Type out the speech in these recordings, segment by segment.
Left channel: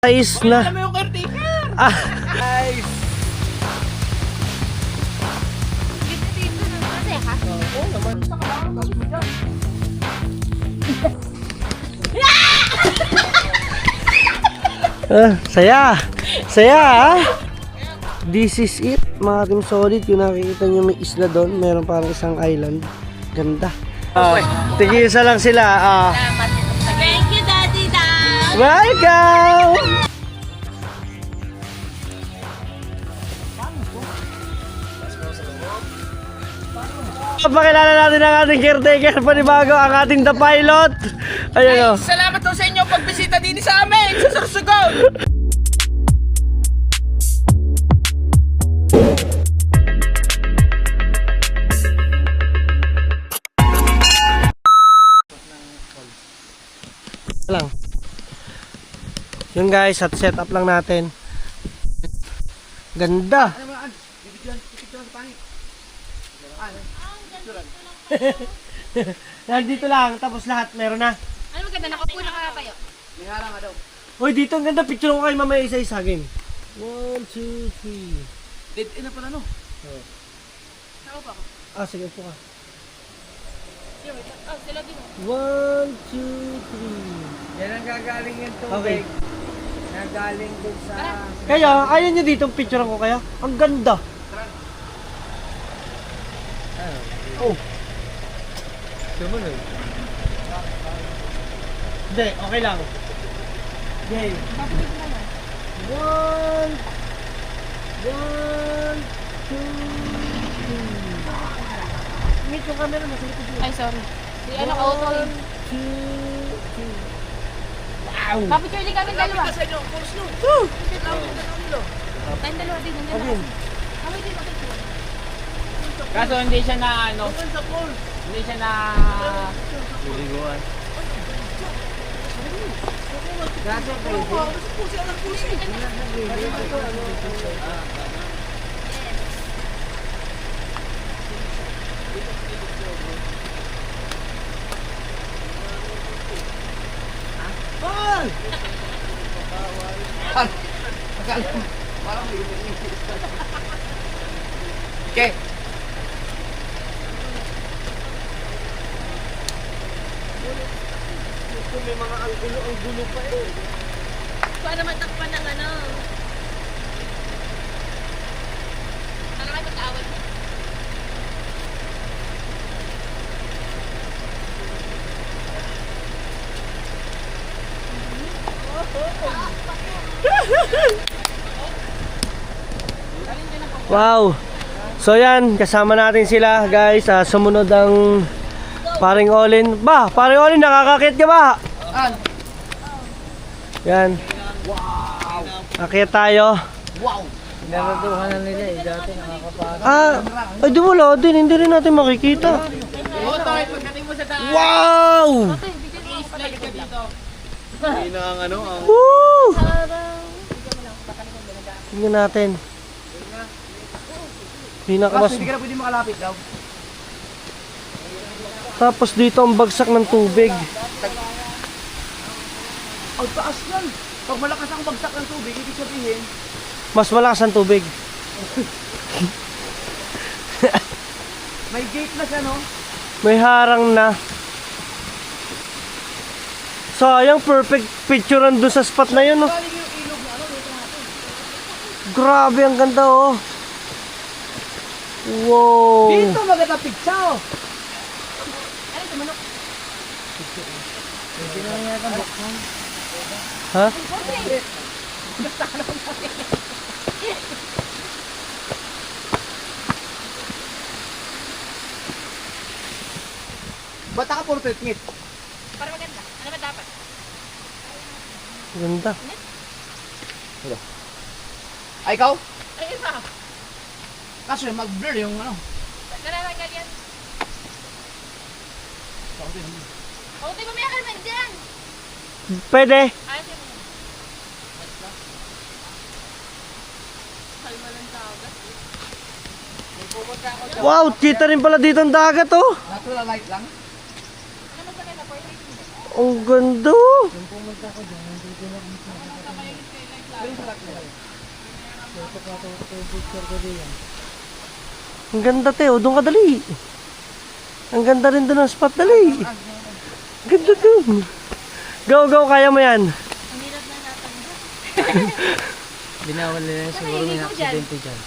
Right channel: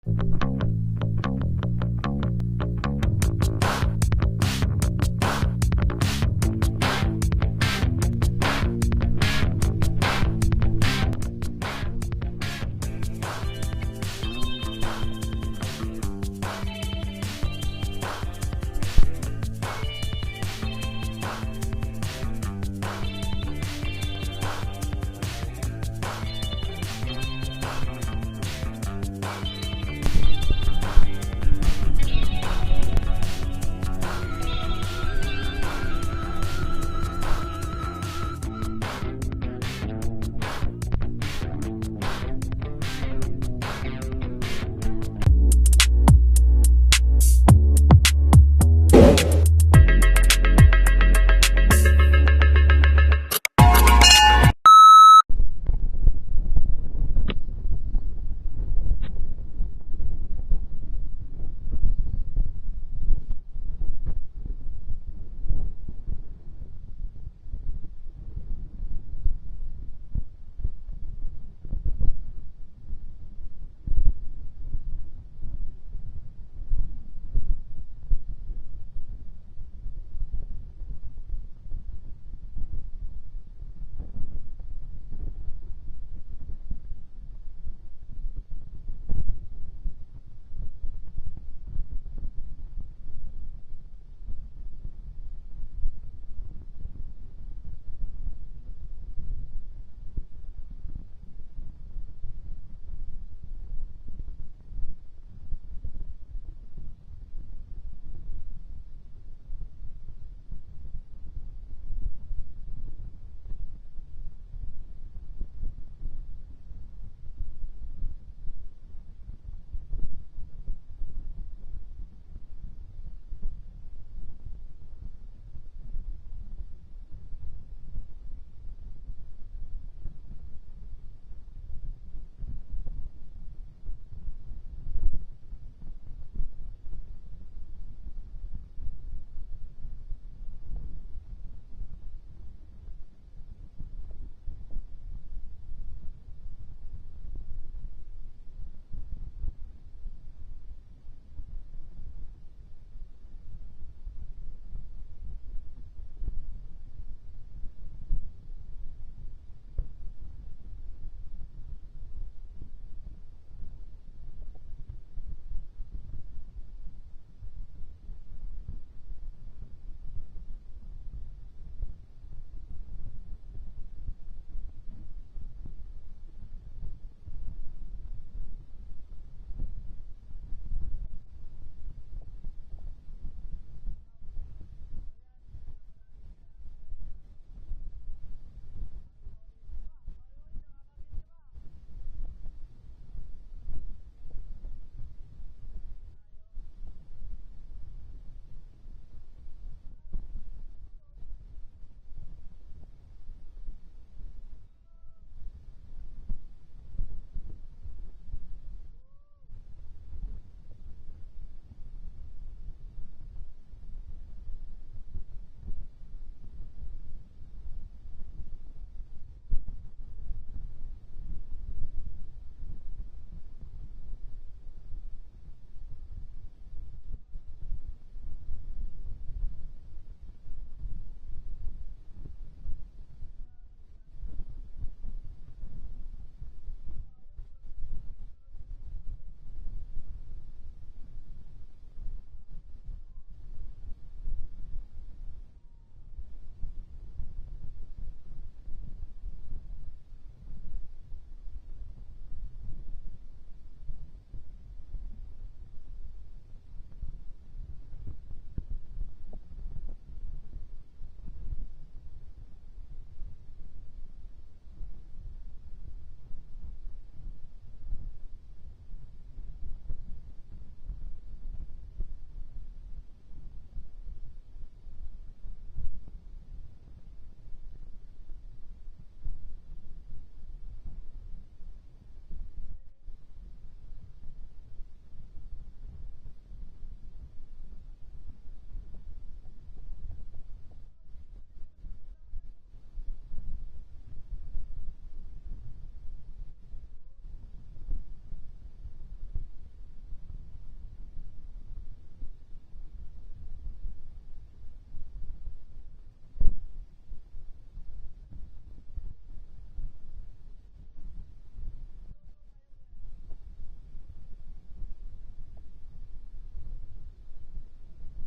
Guys na. Ah. Saya. Saya ha. This is it mga Team Solid. Yung nakikita nyo may isla doon. Meron parang isang island. Ganda. Tigisa lang sila. Thank you, Daddy Dan. Welcome! Pakilala natin ang ating caretaker, panibago ang ating The Pilot. Ayun o. Salamat po sa inyo pagbisita din sa amin sa Sorsogon. Lang. Yun guys, at set up lang natin. Ganda. Nandito lang, tapos lahat meron na. Ano maganda? Nakapuna ka tayo. May harang daw. Uy, dito ang ganda. Picture ko kayo mamaya isa-isa game. 1, 2, 3. Dead end na pala no? Saan ba ako? Ah, sige po ka. Sila din. 1, 2, 3. Yan ang gagaling yung Okay. tubig. Nagaling dun sa... Kaya, ayaw nyo dito picture ko kaya? Ang ganda. Oh. Hindi, okay lang. Game. 1, 1, 2, 3. Meet yung camera mo. Ay, sorry. Si ano ka auto rin. 2, 3. Wow! Papicture din kami dalawa. Sa inyo, course no? Tayong dalawa din. Nandiyan Ayun. na. Kami din, papicture. Kaso hindi siya na ano? Hindi siya na... Liliguan. Kaso okay. May mga ang gulo pa eh. Para matakpan ng ano. Para kayo mag-awal mo. Wow! So yan, kasama natin sila guys. Sumunod ang paring Olin. Ba, paring Olin, nakakakit ka ba? Yan. Wow! Akit tayo. Wow! Naraduhan na nila eh. Dati nakakapara. Ay di wala din. Hindi rin natin makikita. Oo, tayo. Pagdating mo sa daan. Wow! I-slide ka dito. Hindi na ang ano ang... Woo! Tingnan natin. Pinakamas. Hindi ka na pwede makalapit daw. Tapos dito ang bagsak ng tubig. Ang taas yan. Pag malakas ang bagsak ng tubig, ibig sabihin, Mas malakas ang tubig. may gate na siya, no? May harang na. Sayang, perfect picture doon sa spot na yun. Oh. Galing yung ilog na ano, dito natin. Grabe, ang ganda oh. Wow. Dito maganda picture. Ano ito, manok? Hindi na niya kang buksan. Ha? Ba't ka portrait ngit? Para maganda. Ano ba dapat? Ganda. Ay, ikaw? Ay, isa. Kaso mag-blur yung ano. Nalalagal yan. Oh, di ba may akal man dyan? Pwede. Ayos yun. Kalma lang dagat. Wow, kita rin pala dito ang dagat oh. Natural light lang. Ang ganda. Yung pumunta ko dyan, nandito na kami sa Ang ganda, Teo. Doon ka dali. Ang ganda rin doon ang spot. Dali. Ganda doon. Go, go. Kaya mo yan. Binawal nila siguro may aksidente dyan.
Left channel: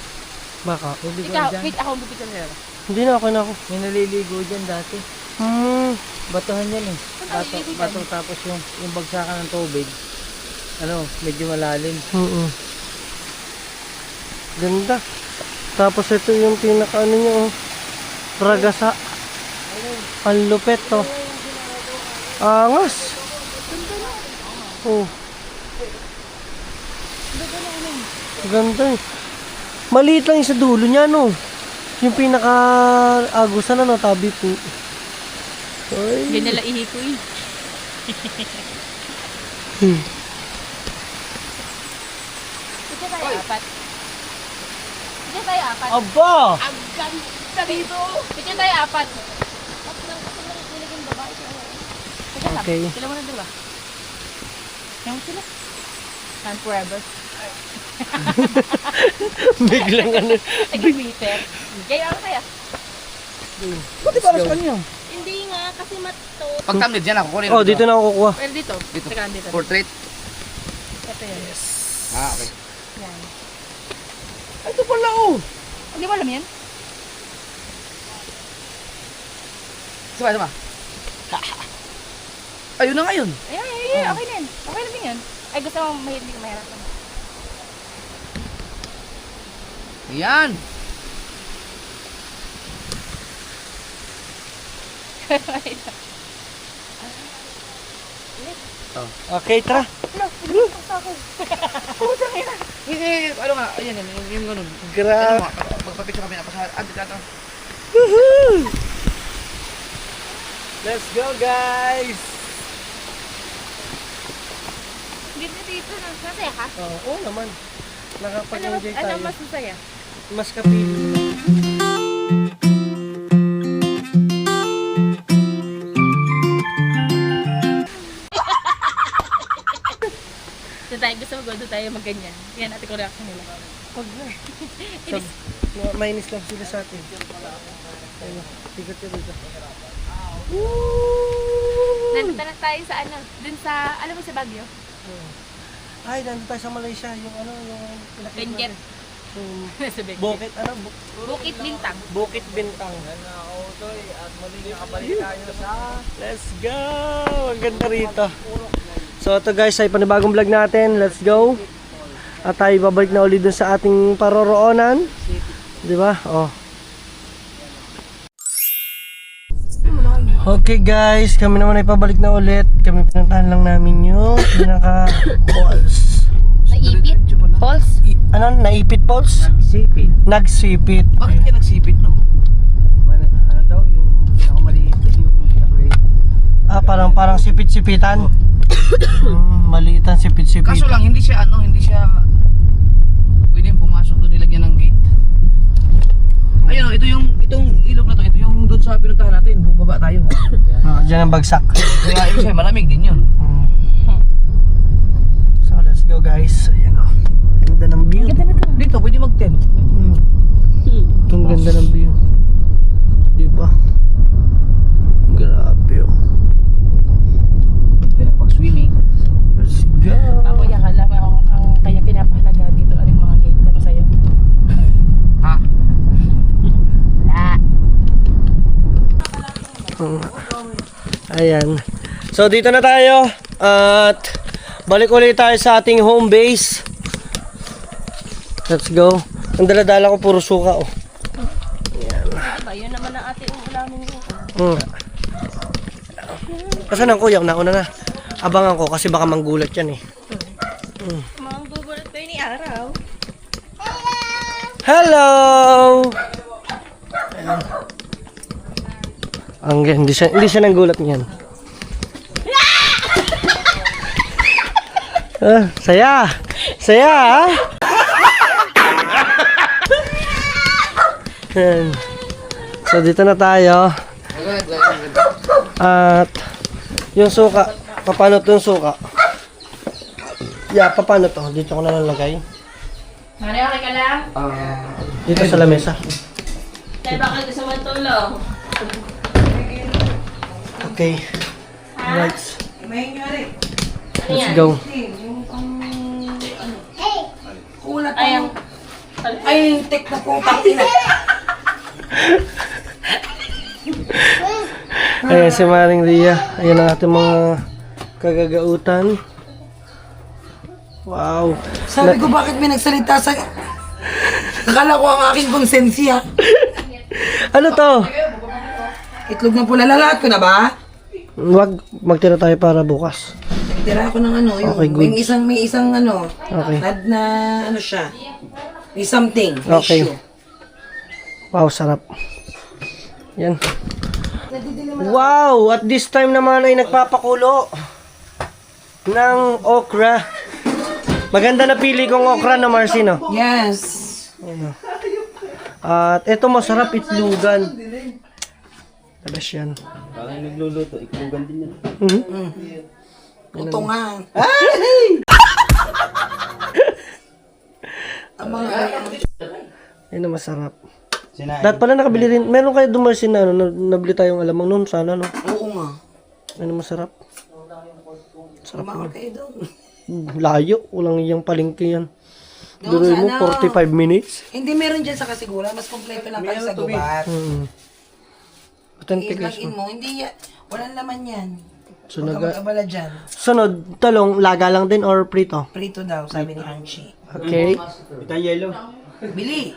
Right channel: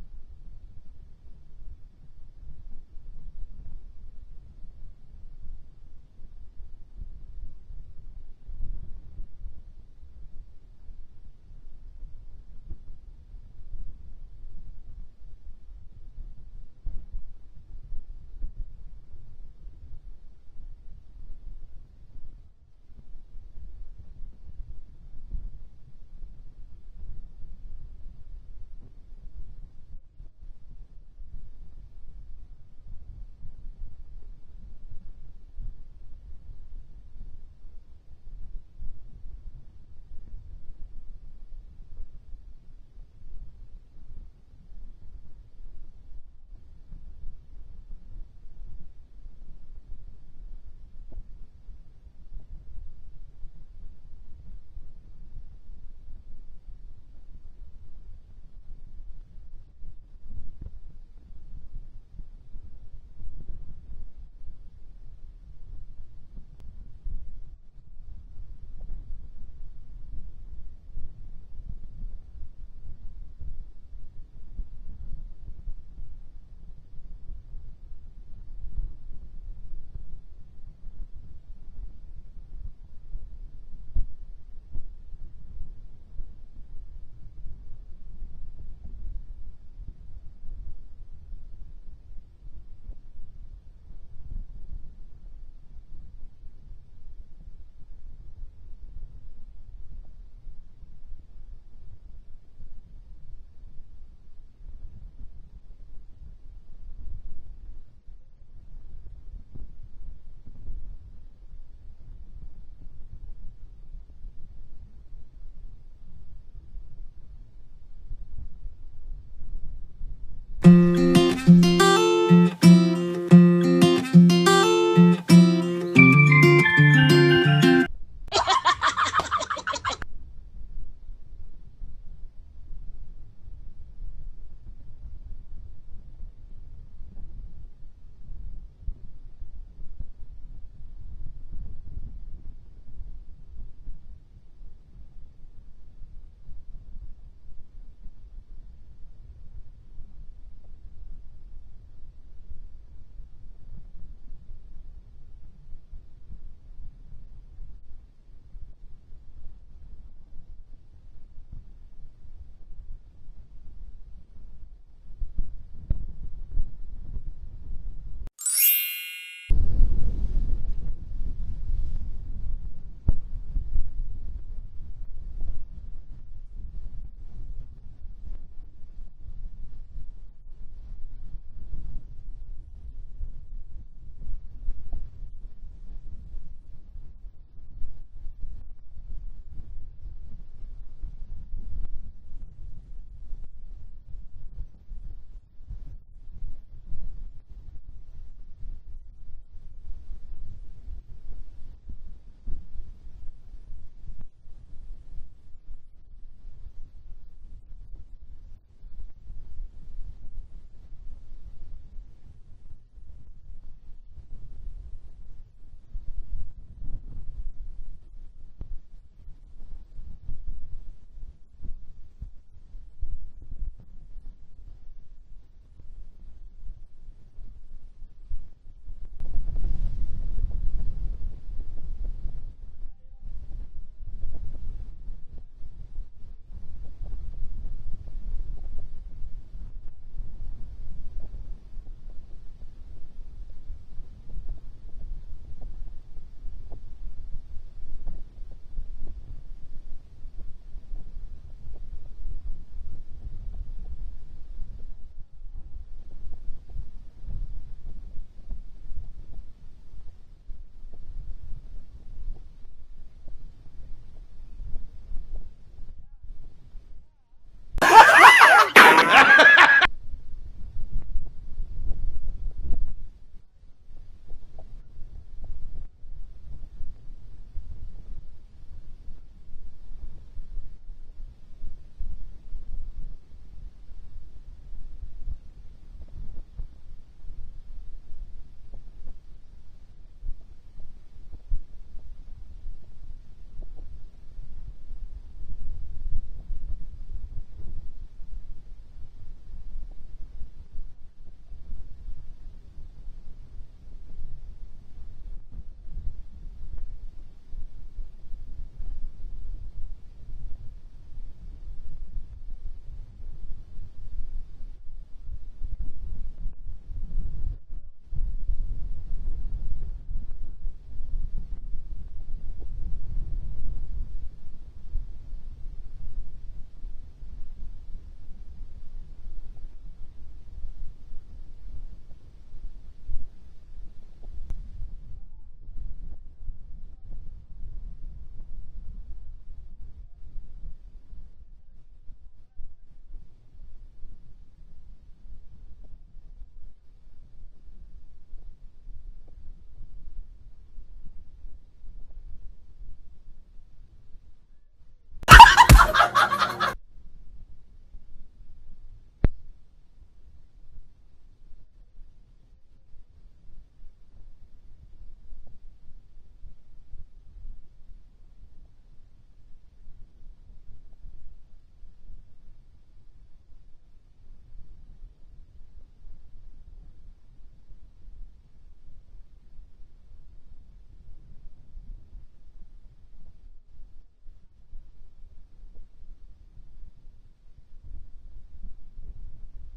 Baka. Ikaw, wait, ako ang bibigyan nila. Hindi na ako na ako. May naliligo dyan dati. Batuhan yan eh. Bato tapos yung bagsakan ng tubig. Ano, medyo malalim. Ganda. Tapos ito yung pinaka ano nyo. Ragasa. Ang lupet to. Angas. Oh. Ganda eh. Maliit lang yung sa dulo niya, no? Yung pinaka-agusan, ano, tabi po. Ay. Yan nila ihikoy. Ito tayo apat. Ito tayo apat. Aba! Ang ganda dito. Ito tayo apat. Okay. Sila mo na diba? Yung sila. And forever. Biglang ano. Nag-meter. Kaya ako kaya. Buti para sa kanya. Hindi nga, kasi mato. Pag thumbnail dyan ako kunin. Oh, dito na ako kukuha. Pero dito. Dito. Teka, dito. Portrait. Ito yan. Ah, okay. Yan. Ito pala oh. Hindi mo alam yan? Sama. Ayun na ngayon. Ay, okay na yan. Okay na din yan. Ay, gusto mo hindi ka mahirapan. Yan. Okay, tara. Ano nga, ayan yan, yung ganun. Grabe. Magpapicture kami na pasahan. Dito. Let's go, guys! Dito na. Masaya ka? Oo naman. Nakapag-enjoy tayo. Ano mas masaya? Mas kapit. Doon tayo, gusto mo doon tayo magganyan. Yan, ate ko reaction nila. Huwag na. Mainis lang sila sa atin. Ayun, tigot ka dito. Nandito na tayo sa ano, dun sa, alam mo sa Baguio? Ay, nandun tayo sa Malaysia. Yung ano, yung... Benguet. Yung Sa Benguet. Bukit, ano? Bukit Bintang. Bukit Bintang. At muli nakabalik tayo sa... Let's go! Ang ganda rito. So ito guys ay panibagong vlog natin. Let's go. At tayo babalik na ulit dun sa ating paroroonan. Di ba? Oh. Okay guys, kami naman ay pabalik na ulit. Kami pinuntahan lang namin yung pinaka falls. Naipit? Falls? Ano? Naipit falls? Nagsipit. Nagsipit. Bakit ka nagsipit, no? Ano daw, yung pinakamaliit yung pinakaliit. Ah, parang sipit-sipitan. Maliitan sipit-sipitan. Kaso lang, hindi siya pwedeng pumasok doon, nilagyan ng gate. Ayun, itong ilog na to, ito yung doon sa pinuntahan natin, bumaba tayo. Diyan ang bagsak. Kaya ibig sabihin, malamig din yun. So let's go guys. Ayan o. Ganda ng view. Ganda na to. Dito, pwede mag-tent. Itong ganda ng view. Diba? Grabe o. Pwede pag-swimming. Let's go. Ako yakala mo ang kaya pinapahalaga dito ang mga gate na sa'yo. Ha? Ayan. So dito na tayo. At balik ulit tayo sa ating home base. Let's go. Ang dala-dala ko puro suka oh. Diba, yun naman ang ating ulamin mo. Kasan ang kuya? Nauna na. Abangan ko kasi baka manggulat yan eh. Mga gugulat kayo ni Araw. Hello! Ayan. Hindi siya nanggulat niyan. Saya! Saya ah! Ayan. So dito na tayo. At yung suka, papanot yung suka. Yeah, paano to? Dito ko na lalagay. Mari, okay ka lang? Dito sa lamesa. Tayo bakit gusto mo tulong? Okay. Right. Ano Let's yan? go. Ayan. Ay, yung tek na putang ina. Ayan si Maring Ria. Ayan ang ating mga kagagautan. Wow. Sabi ko, bakit may nagsalita sa... Akala ko ang aking konsensya. Ano to? Itlog na pula, lalahat ko na ba? Wag magtira tayo para bukas. Tira ako ng ano, yung, Okay, good. may isang ano, Okay. na ano siya. May something, may Okay. issue. Wow, sarap. Yan. Wow! At this time naman ay nagpapakulo ng okra. Maganda na pili kong okra na Marcino. Yes. At ito masarap itlugan. Talas yan. Parang nagluluto, iklugan din yan. Putungan. Ang mga Yan na masarap. Dapat pala nakabili rin. Meron kayo dumarsin na ano, nabili tayong alamang noon. Sana no. Oo nga. Ano masarap. Sarap Mga naman. kayo doon. Layo. Walang iyang palengke yan. Doon Duroy sa mo, ano? 45 minutes. Hindi, meron dyan sa Kasigura. Mas kompleto lang kayo sa gubat. Authentic I-login guys. mo. Hindi yan. Walang laman yan. So, Huwag ka mag-abala dyan. sunod, talong, laga lang din or prito? Prito daw, sabi ni Hanchi. Okay. Ito yellow. Bili.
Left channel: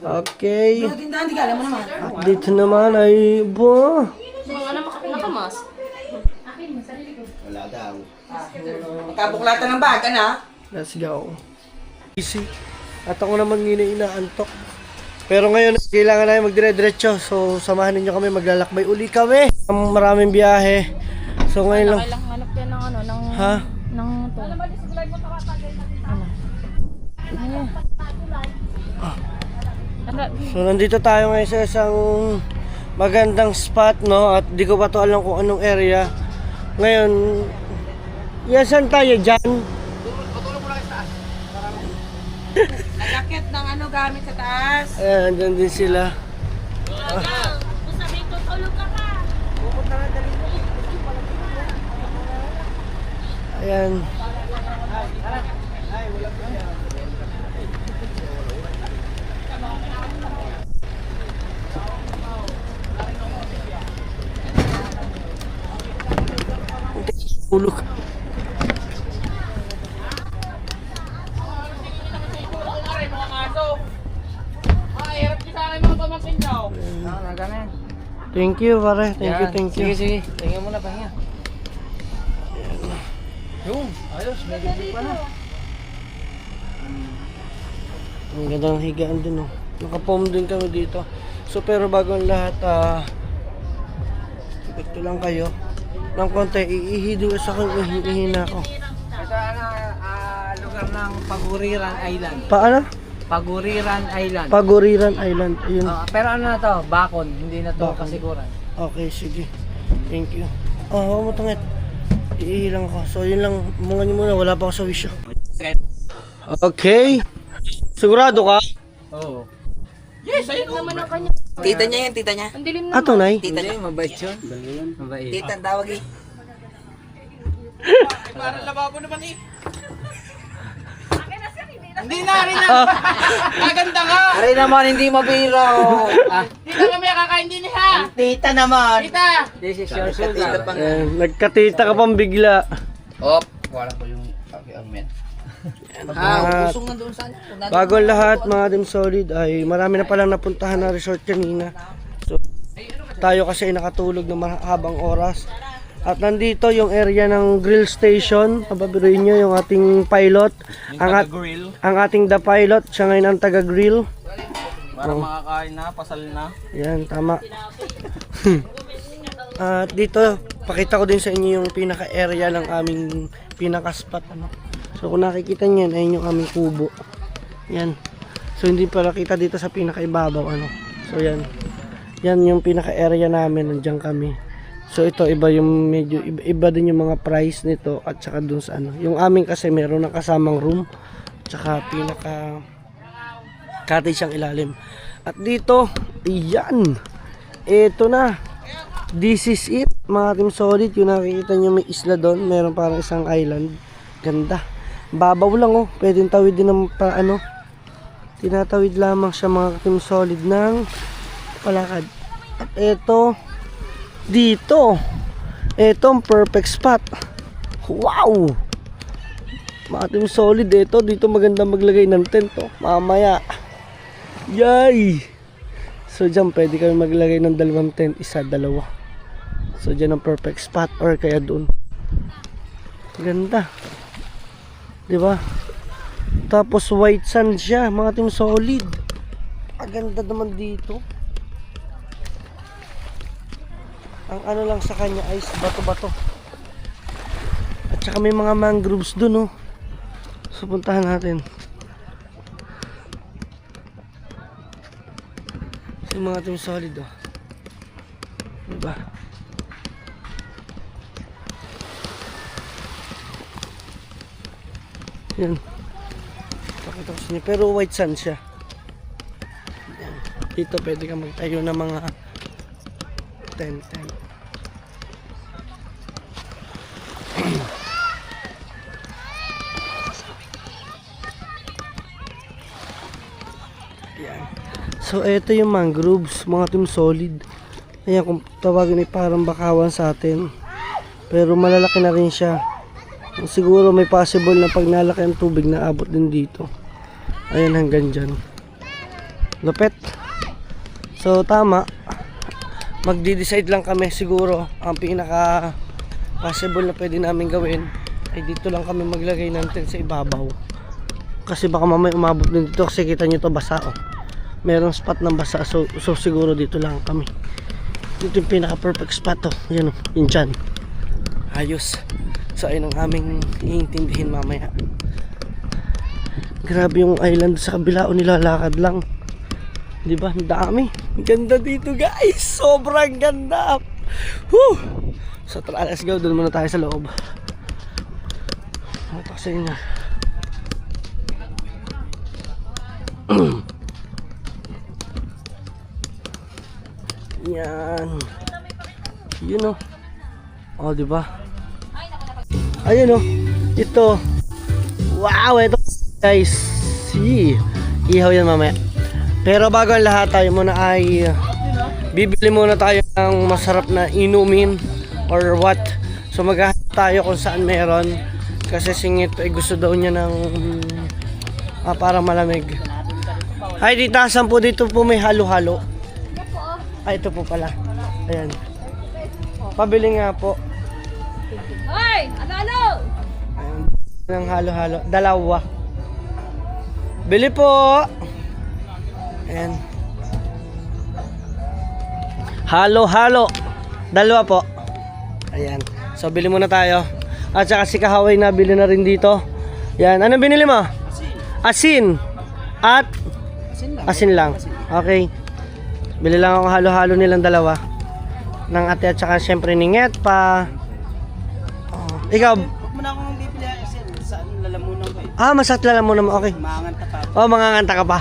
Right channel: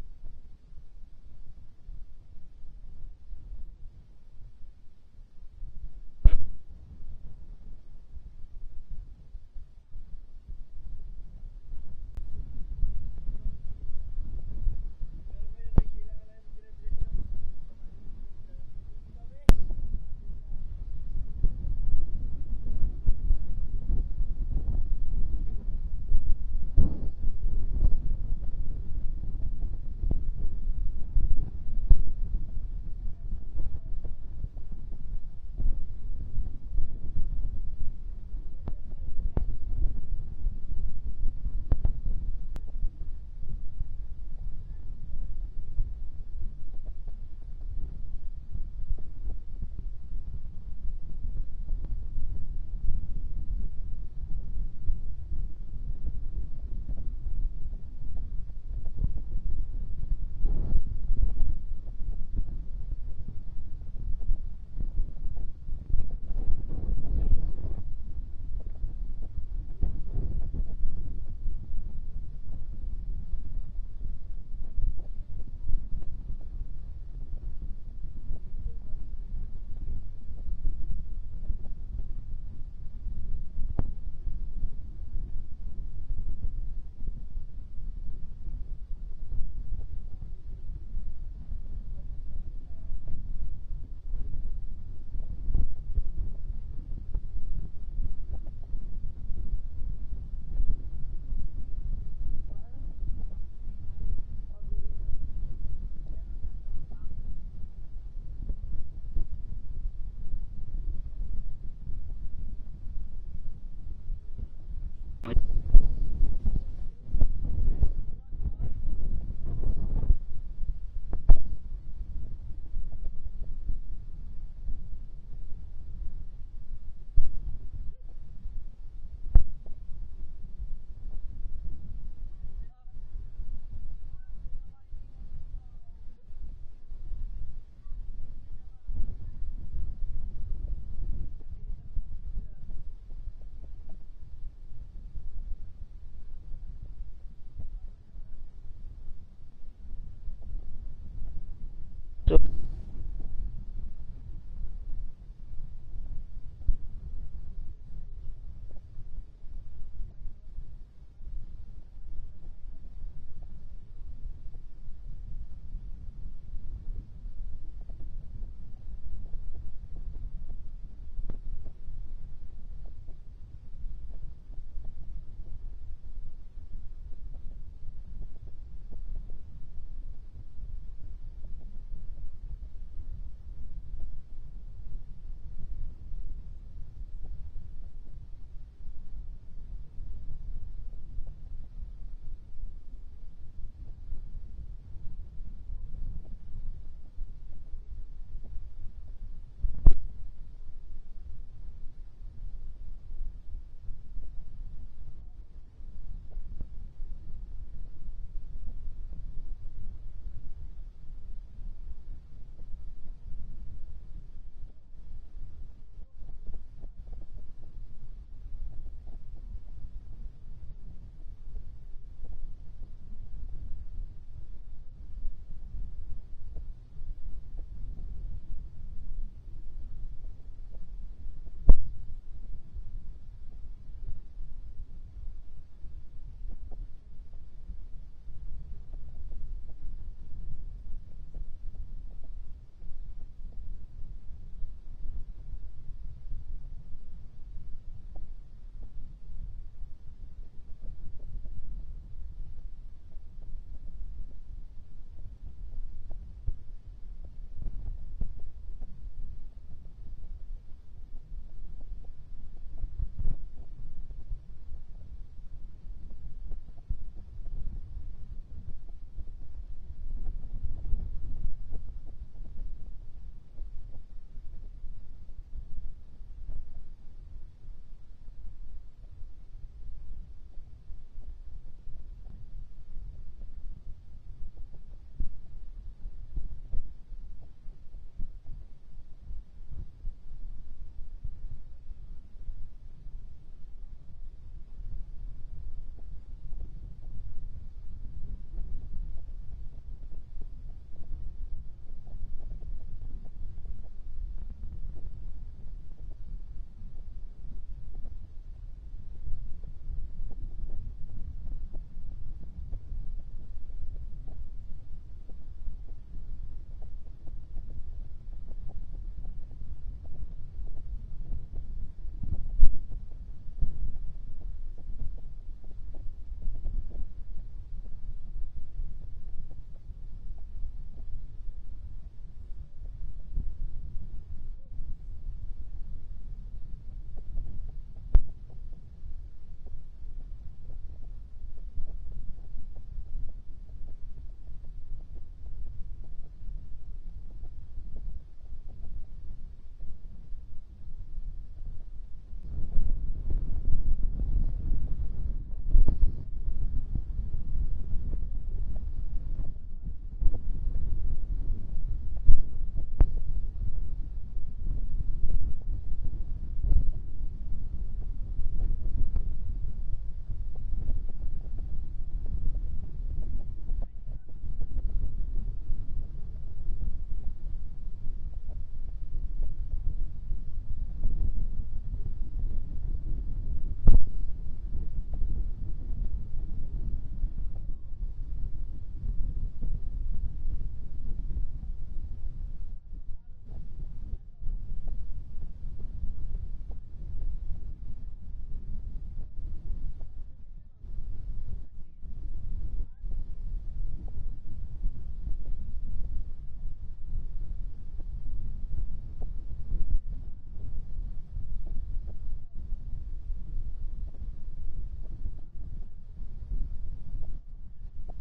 Okay. Pero tindahan, di ka alam mo naman. At dito naman ay, bo. Mga nakamas. Wala daw. Magkabuklatan ng bag, ano? Let's go. Easy. At ako naman inaantok. Pero ngayon, kailangan na magdire-diretso. So, samahan ninyo kami, maglalakbay uli kami. Maraming biyahe. So, ngayon lang. Kailang hanap yan ng ano, ng... Ha? ng to. So, nandito tayo ngayon sa isang magandang spot, no? At di ko pa to alam kung anong area. Ngayon, yan saan tayo dyan? Nagakit ng ano gamit sa taas. Ayan, andyan din sila. Ayan. Ulog. Thank you, pare. Thank you. Sige, sige. Tingnan mo na, pahinga. Yung, ayos. May bibig pa na. Ang ganda ng higaan din, oh. Naka-foam din kami dito. So, pero bago ang lahat, ito lang kayo. Ng konti, iihido sa akin, ihihina ako. Ito ano, lugar ng Paguriran Island. Paano? Paguriran Island. Paguriran Island. Ayun. Pero ano na to? Bakon. Hindi na to Kasiguran. Okay, sige. Thank you. Oh, huwag mo tangit. Iihilang ako. So, yun lang. Mga nyo muna. Wala pa ako sa wisyo. Okay. Sigurado ka? Oo. naman ang kanya. Tita niya yan, tita niya. Ang dilim naman. Ato, Nay. Tita niya. Mabait yun. Mabait. Tita, ang tawag eh. Hindi na, rin na. Maganda nga. Aray naman, hindi mabiro. Hindi na kami kakain din ha. Tita naman. Kita. This is your sugar. Ayan, nagkatita ka pang bigla. Op, wala ko yung amen. At Pusong na doon sa ano. bago ang lahat, mga Dim Solid, ay marami na palang napuntahan na resort kanina. So, tayo kasi ay nakatulog ng mahabang oras. At nandito yung area ng grill station. Pababiruin nyo yung ating pilot. Ang ating the pilot. Siya ngayon ang taga-grill. Para makakain na, pasal na. Yan, tama. At dito, pakita ko din sa inyo yung pinaka-area ng aming pinaka-spot. Ano. So kung nakikita nyo yan, ayun yung aming kubo. Yan. So hindi pala kita dito sa pinaka-ibabaw. Ano. So yan. Yan yung pinaka-area namin. Nandiyan kami. So ito iba yung medyo iba din yung mga price nito at saka dun sa ano. Yung amin kasi meron ng kasamang room tsaka pinaka cottage ang ilalim. At dito, iyan. Ito na. This is it, mga Team Solid. Yung nakikita nyo may isla doon, meron parang isang island. Ganda. Babaw lang oh. Pwedeng tawid din ng ano. Tinatawid lamang siya mga Team Solid ng palakad. At ito dito, etong perfect spot. Wow! Mga Team Solid, dito maganda maglagay ng tent oh. Mamaya. Yay! So dyan pwede kami maglagay ng dalawang tent, isa, dalawa. So dyan ang perfect spot or kaya doon. Ganda. Diba? Tapos white sand siya, mga Team Solid. Ang ganda naman dito. Ang ano lang sa kanya ay bato-bato. At saka may mga mangroves dun oh. So puntahan natin. So mga Team Solid oh. Diba? Yan. Pakita ko sa inyo. Pero white sand siya. Yan. Dito pwede ka magtayo ng mga tent. Yan. So ito yung mangroves, mga Team Solid. Ayan, kung tawagin ay parang bakawan sa atin. Pero malalaki na rin siya. Siguro may possible na pag nalaki ang tubig na abot din dito. Ayan, hanggang dyan. Lupet. So tama. Magdi-decide lang kami siguro. Ang pinaka possible na pwede namin gawin ay dito lang kami maglagay ng tent sa ibabaw. Kasi baka mamaya umabot din dito. Kasi kita nyo to basa oh. Merong spot ng basa. So siguro dito lang kami. Dito yung pinaka perfect spot oh. Yan oh. Yun dyan. Ayos. So ayun ang aming iintindihin mamaya. Grabe yung island sa kabila o nilalakad lang. Diba? Ang dami. Ang ganda dito guys. Sobrang ganda. Whew! So tara, let's go. Doon muna tayo sa loob. Ito sa inyo. Yan. Yun o. Oh, diba? Ayun o. Ito. Wow, ito guys. See. Ihaw yan mamaya. Pero bago ang lahat, tayo muna ay bibili muna tayo ng masarap na inumin or what. So maghahanap tayo kung saan meron. Kasi singit ay gusto daw niya ng parang malamig. Ay, ditasan po dito po may halo-halo. Ay, ito po pala. Ayan. Pabili nga po. Hoy! Ano? Ayan. Ng halo-halo. Dalawa. Bili po. Ayan. Halo-halo. Dalawa po. Ayan. So, bili muna tayo. At saka si Kahaway na bili na rin dito. Yan. Anong binili mo? Asin. At? Asin lang. Okay. Bili lang ako halo-halo nilang dalawa. Ng ate at saka syempre ni Nget pa. Oh. Ikaw? Huwag mo na akong bibili kasi saan lalamunan ko eh. Ah, masat lalamunan mo. Okay. Manganta pa. Oh, manganganta ka pa.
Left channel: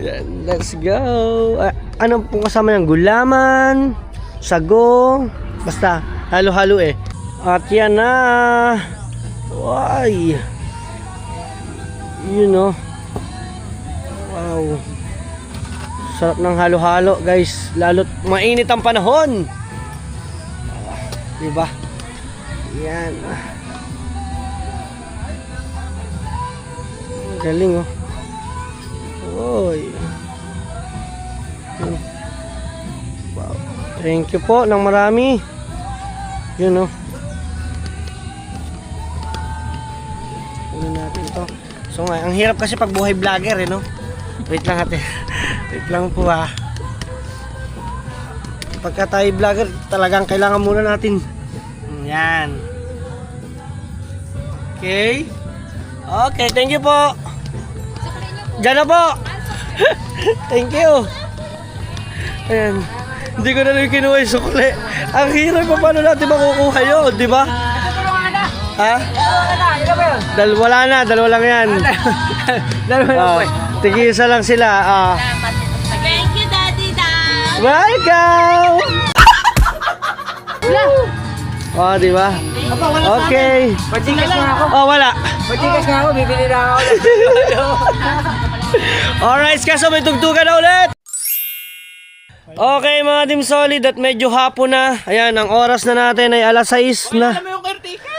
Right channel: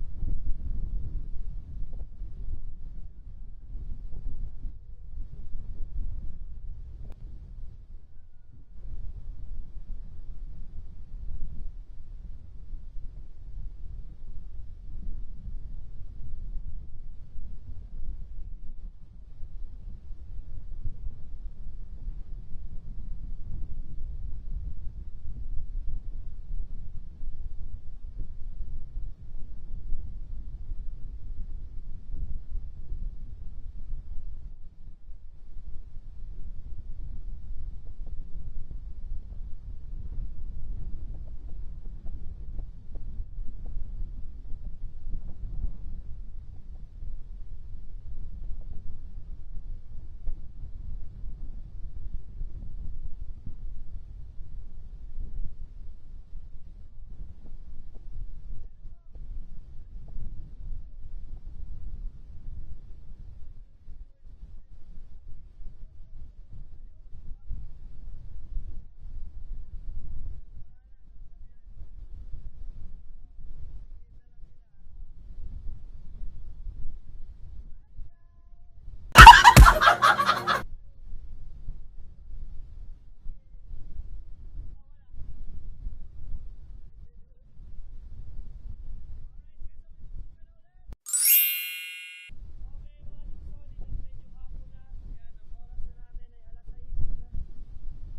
Yan, let's go. Ano pong kasama ng gulaman, sago, basta halo-halo eh. At yan na. Why? You know. Wow. Sarap ng halo-halo, guys. Lalo't mainit ang panahon. Diba? Yan. Galing oh. Oy. Wow. Thank you po ng marami. Yun oh. Ano natin to. So nga, ang hirap kasi pag buhay vlogger eh no. Wait lang ate. Wait lang po ah. Pagka tayo vlogger, talagang kailangan muna natin. Yan. Okay. Okay, thank you po. Diyan na po. Thank you. Ayan. Hindi ko na rin kinuha yung sukli. Ang hirap pa paano natin makukuha yun, di ba? Ha? Wala na, dalawa lang yan. Dalawa lang po eh. Tigisa lang sila. Thank you, Daddy Dad. Welcome! Oh, di ba? Okay. Pachikas nga ako. Oh, wala. Pachikas nga ako. Bibili na ako. Alright, kaso may tugtugan na ulit. Okay mga Team Solid, at medyo hapon na. Ayan, ang oras na natin ay alas 6 na. Alam mo yung caretaker!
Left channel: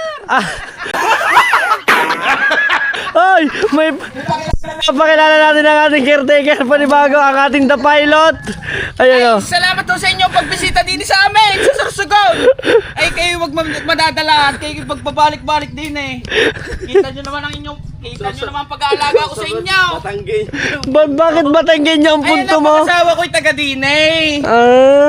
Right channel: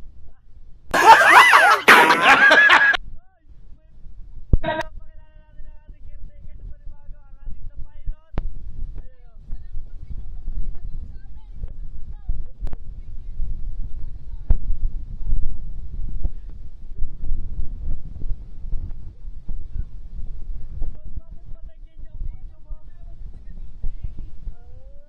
Ay, may pakilala natin ang ating caretaker, panibago ang ating The Pilot. Ayan o. Salamat po sa inyo pagbisita din sa amin sa Sorsogon! Ay kayo wag madadala at kayo pagpabalik-balik din eh. Kita nyo naman ang pag-aalaga ko sa inyo. Bakit Batanggin yung punto Ayun mo? ang asawa ko'y taga din eh.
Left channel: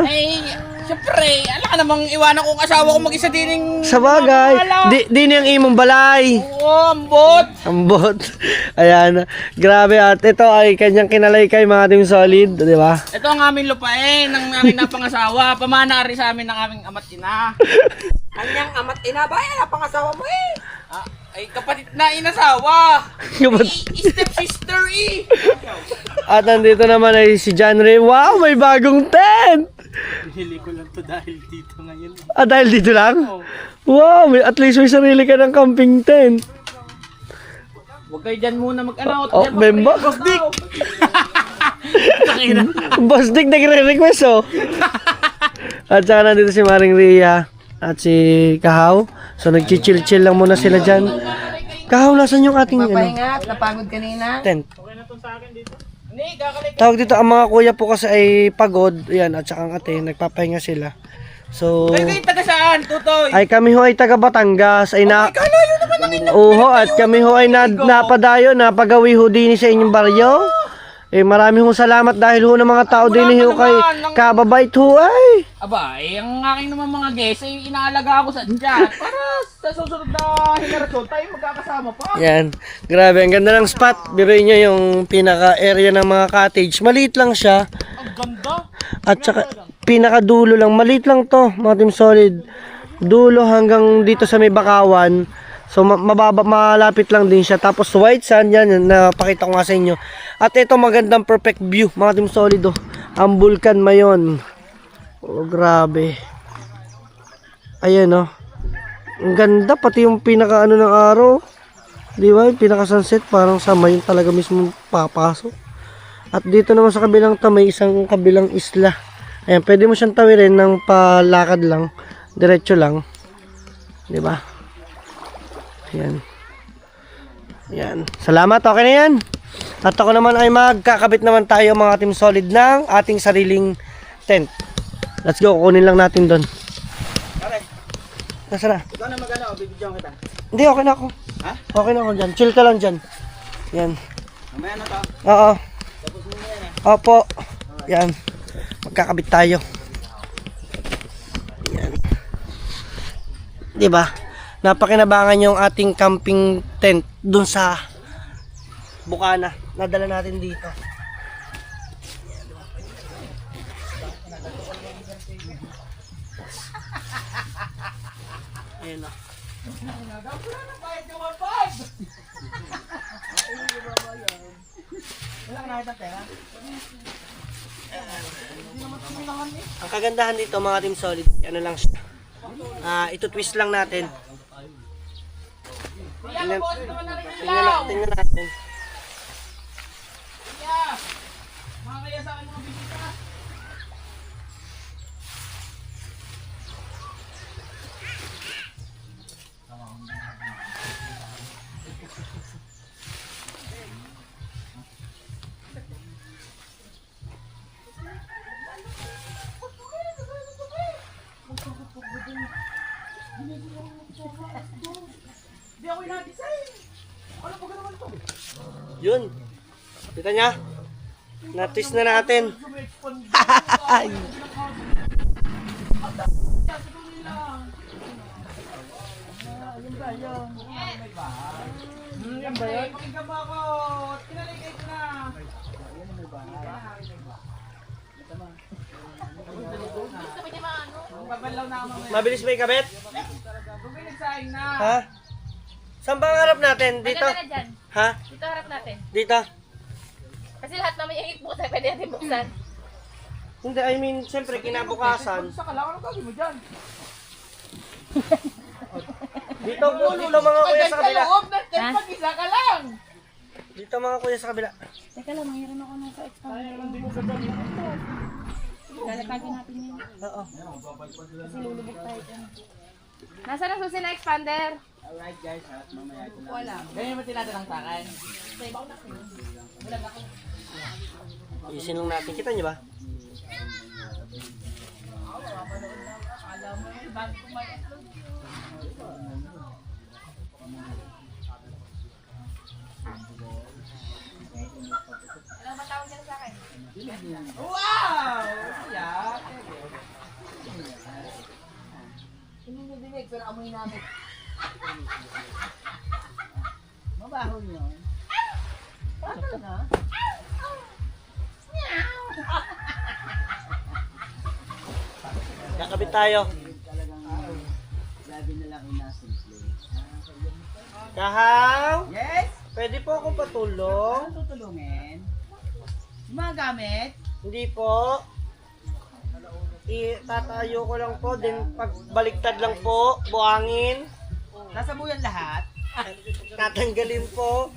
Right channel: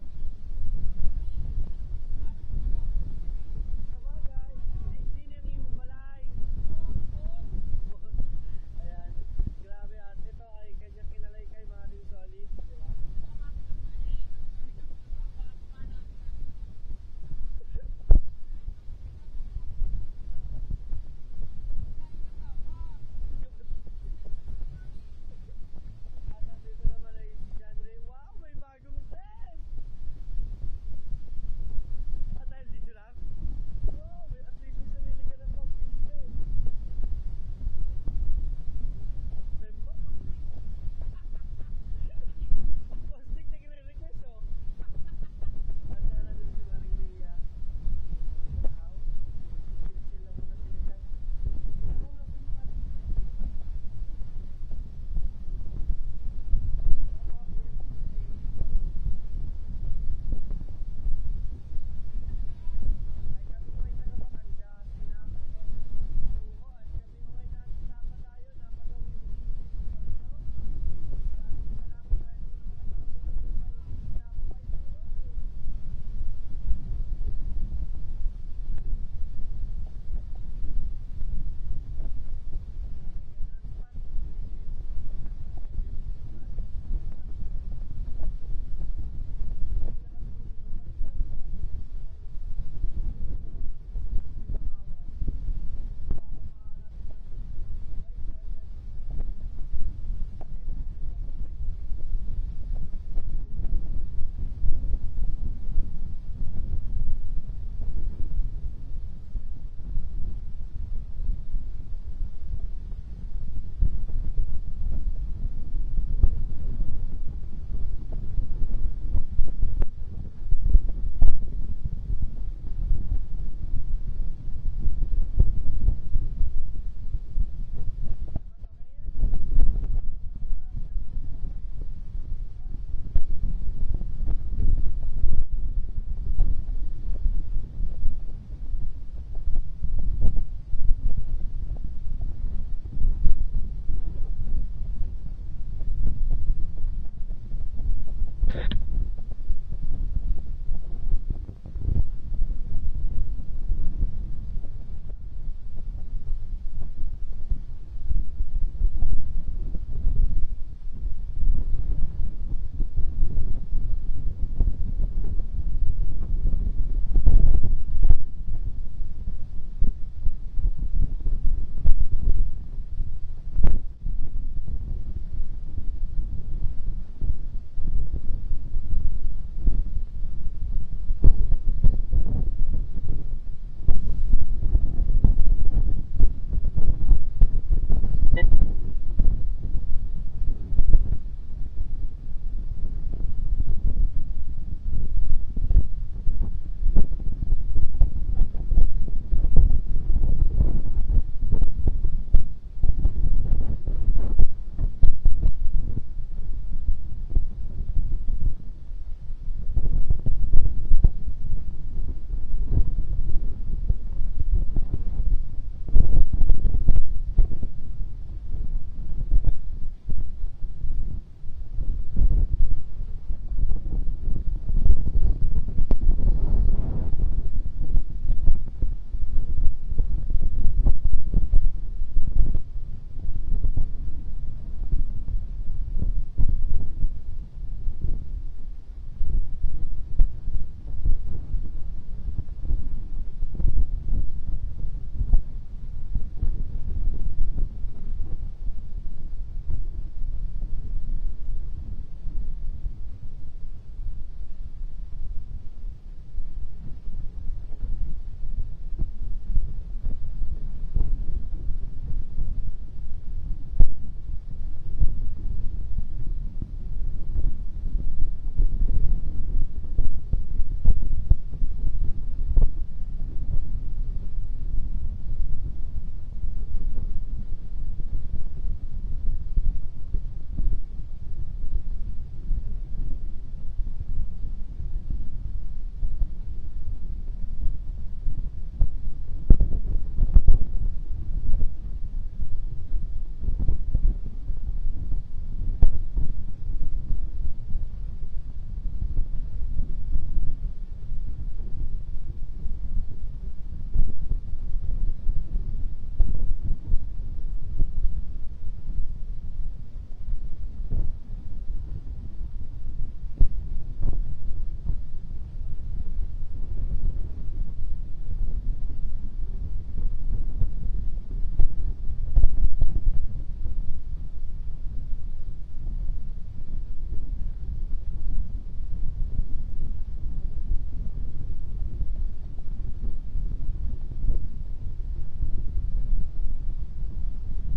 Ay, syempre, alam ka namang iwanan kong asawa ko mag-isa din. Sa bagay, di niyang imong balay. Oo, ambot. Ambot. Ayan. Grabe, at ito ay kanyang kinalay kay mga Team Solid, di ba? Ito ang aming lupain ng aming napangasawa. Pamana rin sa amin ng aming ama't ina. Kanyang ama't ina ba? Ay, pangasawa mo eh. Ay, kapatid na inasawa. Step sister eh. At nandito naman ay si John Ray. Wow, may bagong tent! Pinili ko lang to dahil dito ngayon. Dahil dito lang? Wow, at least may sarili ka ng camping tent. Huwag kayo dyan muna mag-ano. Oh, memba? Boss Dick! Boss Dick nagre-request oh. At saka nandito si Maring Ria at si Kahaw. So nagchichill-chill lang muna sila dyan. Kahaw, nasan yung ating Papahinga, napagod kanina. tent? Hindi, kakalik. Tawag dito, ang mga kuya po kasi ay pagod. Yan, at saka ang ate, nagpapahinga sila. So, Kayo taga saan, Tutoy? ay kami ho ay taga Batangas. Ay na... Kalayo naman ang inyong Oho, at kami ho ay napadayo, napagawi ho din sa inyong baryo. Eh marami ho salamat dahil ho ng mga tao din ho kay kababait ho ay. Aba, ang aking naman mga guests ay inaalaga ako sa dyan. Para sa susunod na henerasyon tayo magkakasama pa. Yan, grabe, ang ganda ng spot. Biruin nyo yung pinaka-area ng mga cottage. Maliit lang siya. Ang ganda. At saka pinaka-dulo lang. Maliit lang to, mga Team Solid. Dulo hanggang dito sa may Bakawan. So malapit lang din siya. Tapos white sand yan, napakita ko nga sa inyo. At ito magandang perfect view, mga Team Solid oh. Ang Bulkan Mayon. Oh, grabe. Ayan oh. Ang ganda, pati yung pinaka ano ng araw. Di ba? Yung pinaka sunset parang sa Mayon talaga mismo papasok. At dito naman sa kabilang may isang kabilang isla. Ayan, pwede mo siyang tawirin ng palakad lang. Diretso lang. Di ba? Yan. Yan. Salamat, okay na yan. At ako naman ay magkakabit naman tayo mga Team Solid ng ating sariling tent. Let's go, kukunin lang natin doon. Nasaan na? Ikaw na mag-ano, bibidyoan kita. Hindi, okay na ako. Ha? Okay na ako dyan. Chill ka lang dyan. Yan. Mamaya na to. Oo. Tapos mo na yan eh. Opo. Yan. Magkakabit tayo. Yan. Diba? Napakinabangan yung ating camping tent dun sa Bukana. Nadala natin dito. Ayan na. Ang kagandahan dito mga Team Solid, ano lang siya. Ito twist lang natin. Tingnan natin. Yun. Kita niya? Na-twist na natin. Mabilis ba ikabit? Pinagsaing na. Ha? Saan ba ang harap natin? Dito? Maganda na dyan. Ha? Dito harap natin. Dito? Kasi lahat naman yung iputan, pwede natin buksan. Hindi, I mean, siyempre kinabukasan. Sa kalaw, ano gagawin mo dyan? Dito mga kuya sa kabila. Loob na, kahit pag-isa ka lang. Dito mga kuya sa kabila. Teka lang, mayroon ako ng ka-expander. Lalapagin natin yun. Oo. Kasi lulubog tayo dyan. Nasaan ang susi na expander? Alright guys, mamaya ito na. Wala. Ganyan mo tinatalang sa akin. Isin lang natin. Kita niyo ba? Wow! Yeah. Hindi nyo dinig, pero amoy namin. Mabaho nyo. Kakabit tayo. Lagi na lang inasin. Kahaw! Yes! Pwede po ako patulong? Ano tutulungin? Mga gamit? Hindi po. Itatayo ko lang po, then pagbaliktad lang po, buhangin. Nasabuyan lahat? Tatanggalin po.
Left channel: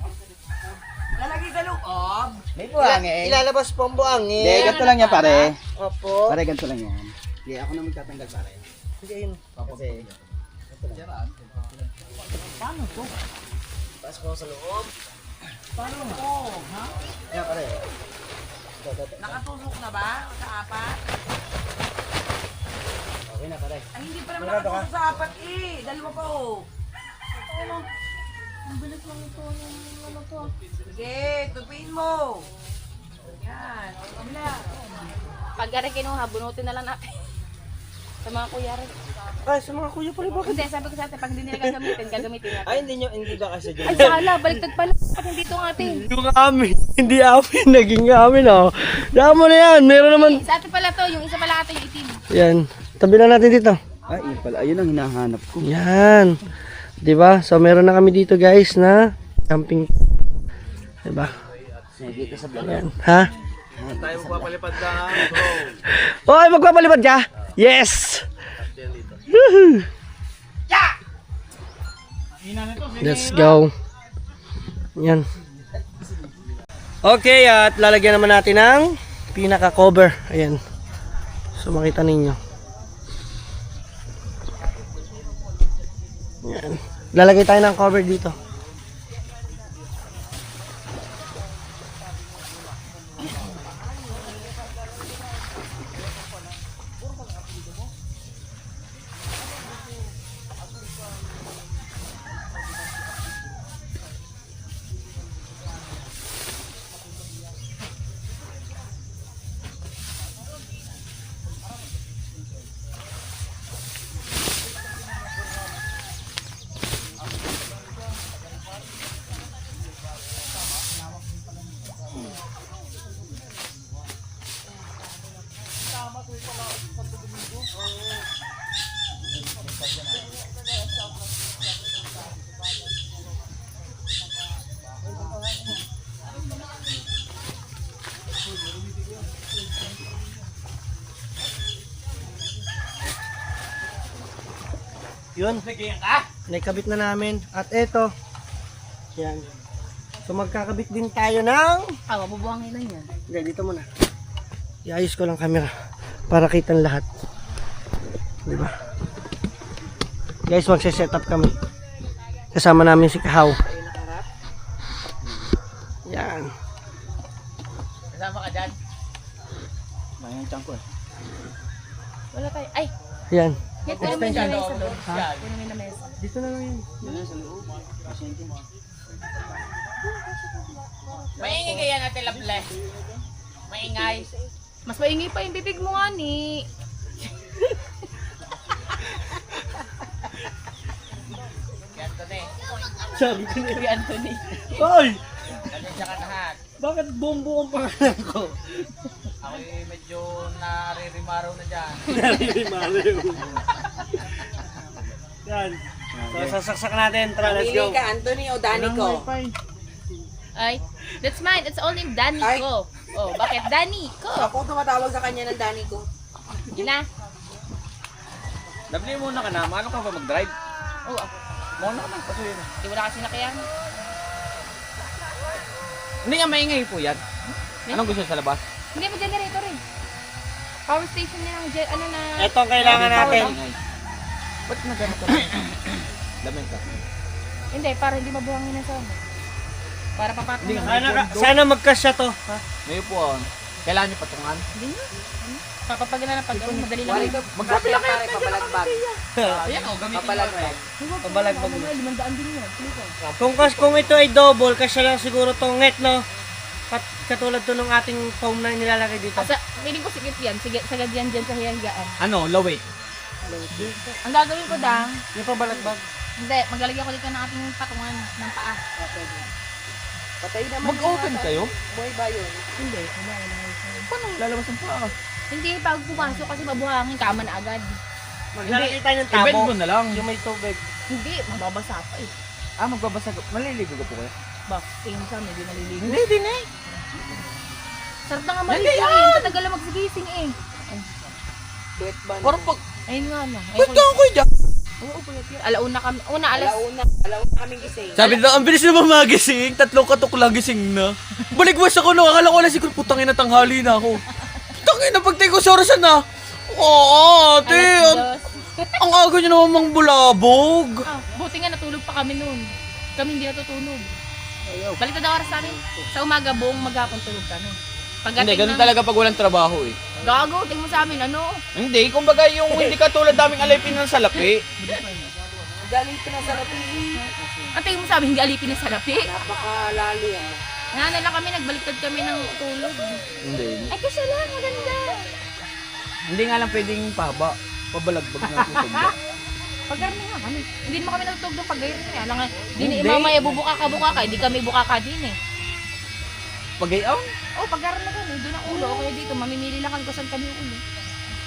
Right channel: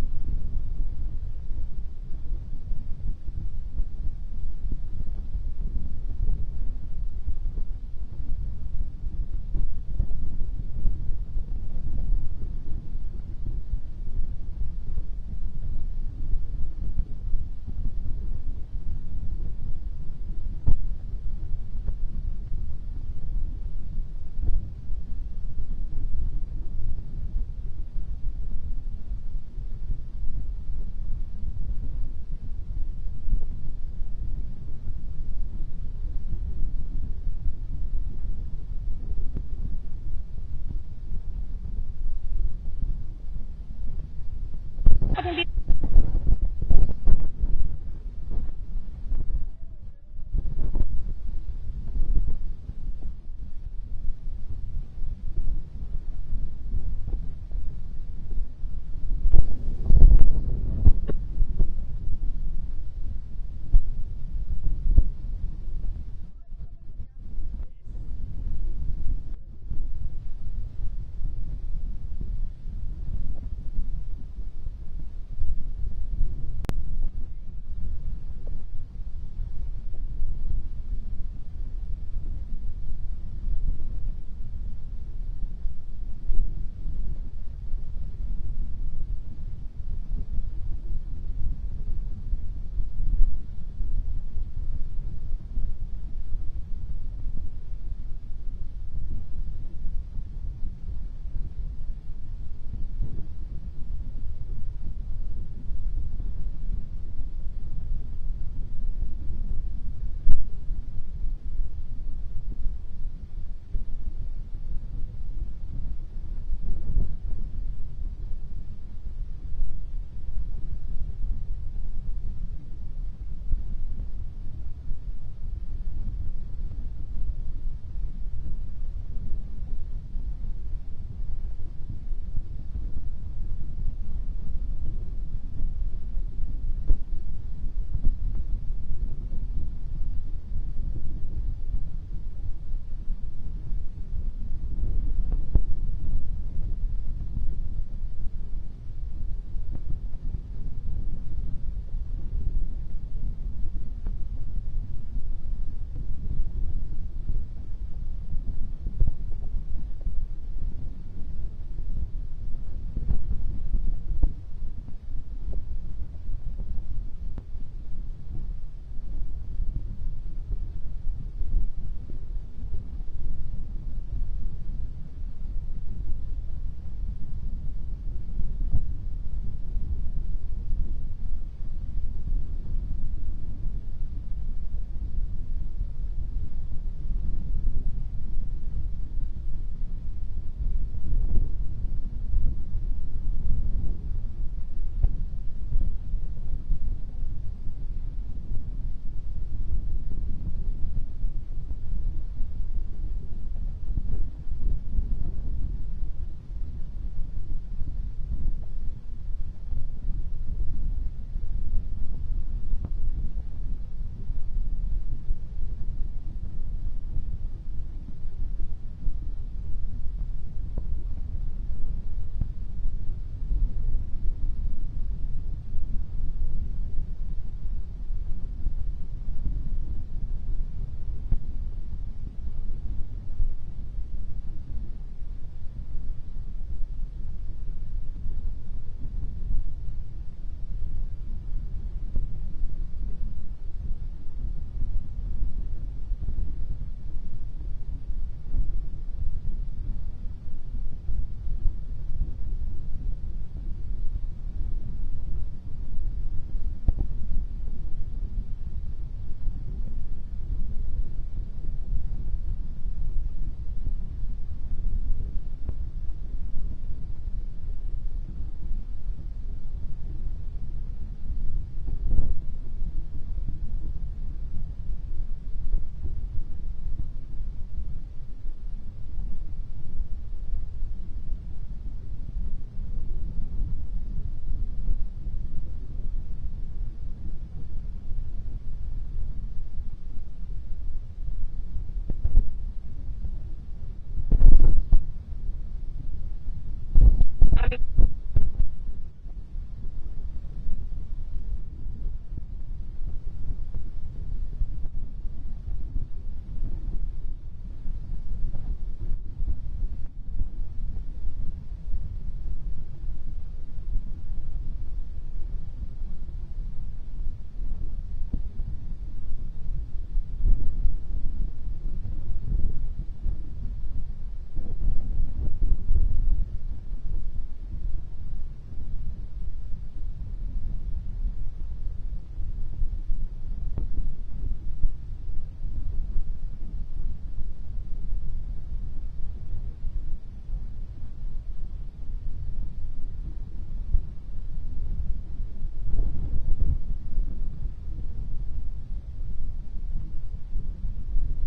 Lalagay sa loob? May Ilalabas po ang buhangin. Hindi, ganito lang yan pare. Opo. Pare, ganito lang yan. Hindi, ako na magtatanggal pare. Hindi yun. Kasi... Paano to? Pasok ko sa loob. Paano to? Ha? Yan pare. Nakatusok na ba? Sa apat? Okay na pare. Ay, hindi pa naman nakatusok sa apat eh. Dalawa pa oh. Ang bilis lang ito. Ano to? Sige, tupiin mo. Yan. O, kabila. Pag yari kinuha, bunutin na lang natin. Sa mga kuya rin. Ay, sa mga kuya pala bakit? Hindi, sabi ko sa atin, pag hindi nila gagamitin natin. Ay, hindi ba kasi dyan? Ay, sala, baliktad pala. Pag hindi ito ng atin. Yung amin, hindi amin, naging amin oh. Daan mo na yan, meron naman. Sa atin pala to, yung isa pala atin, yung itim. Yan, tabi lang natin dito. Ay, yun pala. Ayun ang hinahanap ko. Yan. 'Di ba? So meron na kami dito guys na camping. 'Di ba? Dito sa vlog. Yan. Ha? Tayo magpapalipad lang, bro. Oy, magpapalipad ka? Yes. Woohoo! Let's go. Yan. Okay, at lalagyan naman natin ng pinaka-cover. Ayan. So makita ninyo. Yan. Lalagay tayo ng cover dito. Yun. Naikabit na namin. At eto. Yan. So magkakabit din tayo ng... Mabubuhangin lang yan. Hindi, dito muna. Iayos ko lang camera para kitang lahat. Diba? Guys, magse-set up kami. Kasama namin si Kahaw. Yan. Kasama ka dyan? Mayroon tiyang ko eh. Wala tayo. Ay! Yan. Yan, pero may na mesa doon. Pero may na mesa. Dito na lang yan. Yan sa loob. Maingay kaya natin laple. Maingay. Mas maingay pa yung bibig mo nga ni. Anthony. Sabi ko na. Si Anthony. Hoy! Ganyan ka lahat. Bakit bombo ang pangalan ko? Ako medyo naririmaraw na dyan. Naririmaraw. Yan. So, sasaksak natin. Tara, let's go. Pili ka, Anthony o Danico? Ay, that's mine. It's only Danico. Oh, bakit Danico? Ako tumatawag sa kanya ng Danico. Yun na. Dabli muna ka na. Maano ka ba mag-drive? Oh, ako. Mauna ka na. Kasi yun. Di wala kasi nakayan. Hindi nga maingay po yan. Anong gusto sa labas? Hindi mo generator eh. Power station niya ang ano na... Ito ang kailangan natin. Ba't na ganito? Lamig ka. Hindi, para hindi mabuhangin na sa... Para papatong Hindi na. nga. Sana magkasya to. Ha? Ngayon po, kailangan nyo patungan. Hindi nyo. Papapagana na pag ano, madali lang. Wari ka, magkapila ka rin papalagbag. Ayan o, gamitin mo. Papalagbag. Pabalagbag. 500 din yun. Kung ito ay double, kasya lang siguro tong net, no? Katulad to ng ating foam na nilalagay dito. Asa, feeling ko sigit yan. Sige, sagad yan dyan sa hiyagaan. Ano, laway. Ang gagawin ko dang, Yung pabalagbag. hindi, maglalagyan ko dito ng ating patungan ng paa. Patay naman. Mag-open kayo? Boy ba yun? Hindi, Paano lalabas ang paa? hindi, pag pumasok kasi mabuhangin, kama na agad. Maglalagay tayo ng I-bend tabo. mo na lang. Yung may tubig. Hindi, mababasa pa eh. Ah, magbabasa ka. Maliligo ka po kayo? Bak, tingin sa medyo naliligo. Hindi, din eh. Sarap na nga Hindi maligo yan! eh. Tatagal lang magsigising eh. Duet ba? Parang pag... Ayun nga no. Ba't ka ako dyan? Oo, puyat yun. Alauna kami. Alas. Alauna kami gising. Sabi nila, ang bilis naman magising. 3 katok lang gising na. Baligwas ako no. Akala ko na siguro putangin na tanghali na ako. Tangin na pagtay ko sa orasan na. Oo, ate. Ang aga nyo naman mang bulabog. Ah, buti nga natulog pa kami noon. Kami hindi natutulog. Balik na oras namin. Sa umaga buong maghapon tulog kami. Hindi, ganun talaga pag walang trabaho eh. Gago, tingin mo sa amin, ano? Hindi, kumbaga yung hindi ka tulad daming alipin ng salapi. Galing ka na sa lapi. Ang tingin mo sa amin, hindi alipin na salapi. Napakalali ah. Nga lang kami, nagbaliktad kami ng tulog. Hindi. Ay, kasi lang, maganda. Hindi nga lang pwedeng pahaba. Pabalagbag na tutugba. Pagkarni nga kami. Hindi naman kami natutulog ng pag-gayon na yan. Hindi Hindi. mamaya bubuka ka, hindi kami buka ka din eh. Pagayaw? Oh, pagkaroon na kami, doon ang ulo. O kaya dito, mamimili lang kami kung saan kami ulo.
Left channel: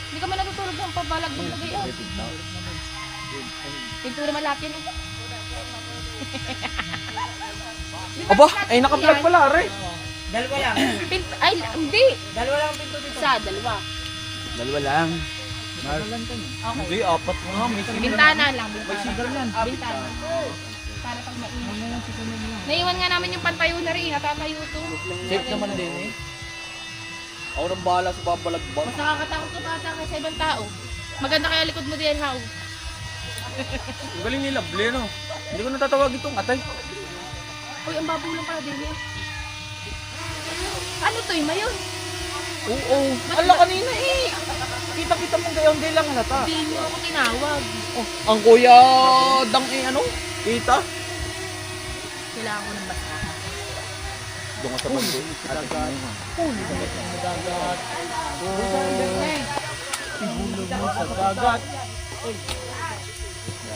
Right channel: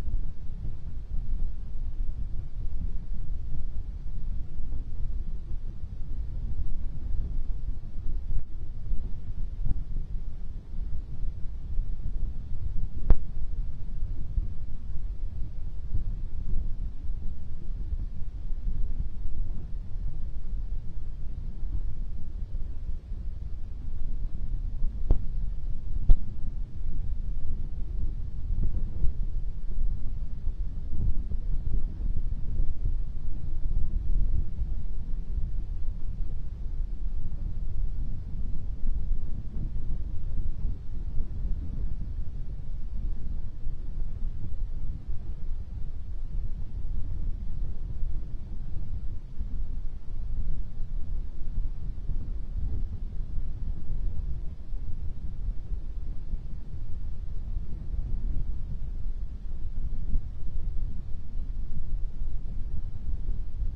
Hindi kami natutulog ng pabalagbag na gayon. Pintura malapit yan eh. Aba, ay naka-vlog pala, Are. Dalawa lang. Ay, hindi. Dalawa lang ang pinto dito. Sa dalawa. Dalawa lang. Hindi, Okay. 4 nga. May sigaw. Bintana lang. May sigaw yan. Bintana. Para pag mainit. Naiwan nga namin yung pantayo na rin. Natatayo ito. Safe naman din eh. Ako nang bahala sa babalagbag. Mas nakakatakot ko ata kaysa ibang tao. Maganda kaya likod mo din, how? Ang galing ni Lovely, no? Hindi ko natatawag itong atay. Uy, ang babaw lang pala din yan. Ano to, yung mayon? Oo. Ala kanina eh. Kita-kita mong gayon, hindi lang halata. Hindi mo ako tinawag. Oh, ang kuya dang eh ano? Kita. Kailangan ko ng basta. Doon ka sa bando.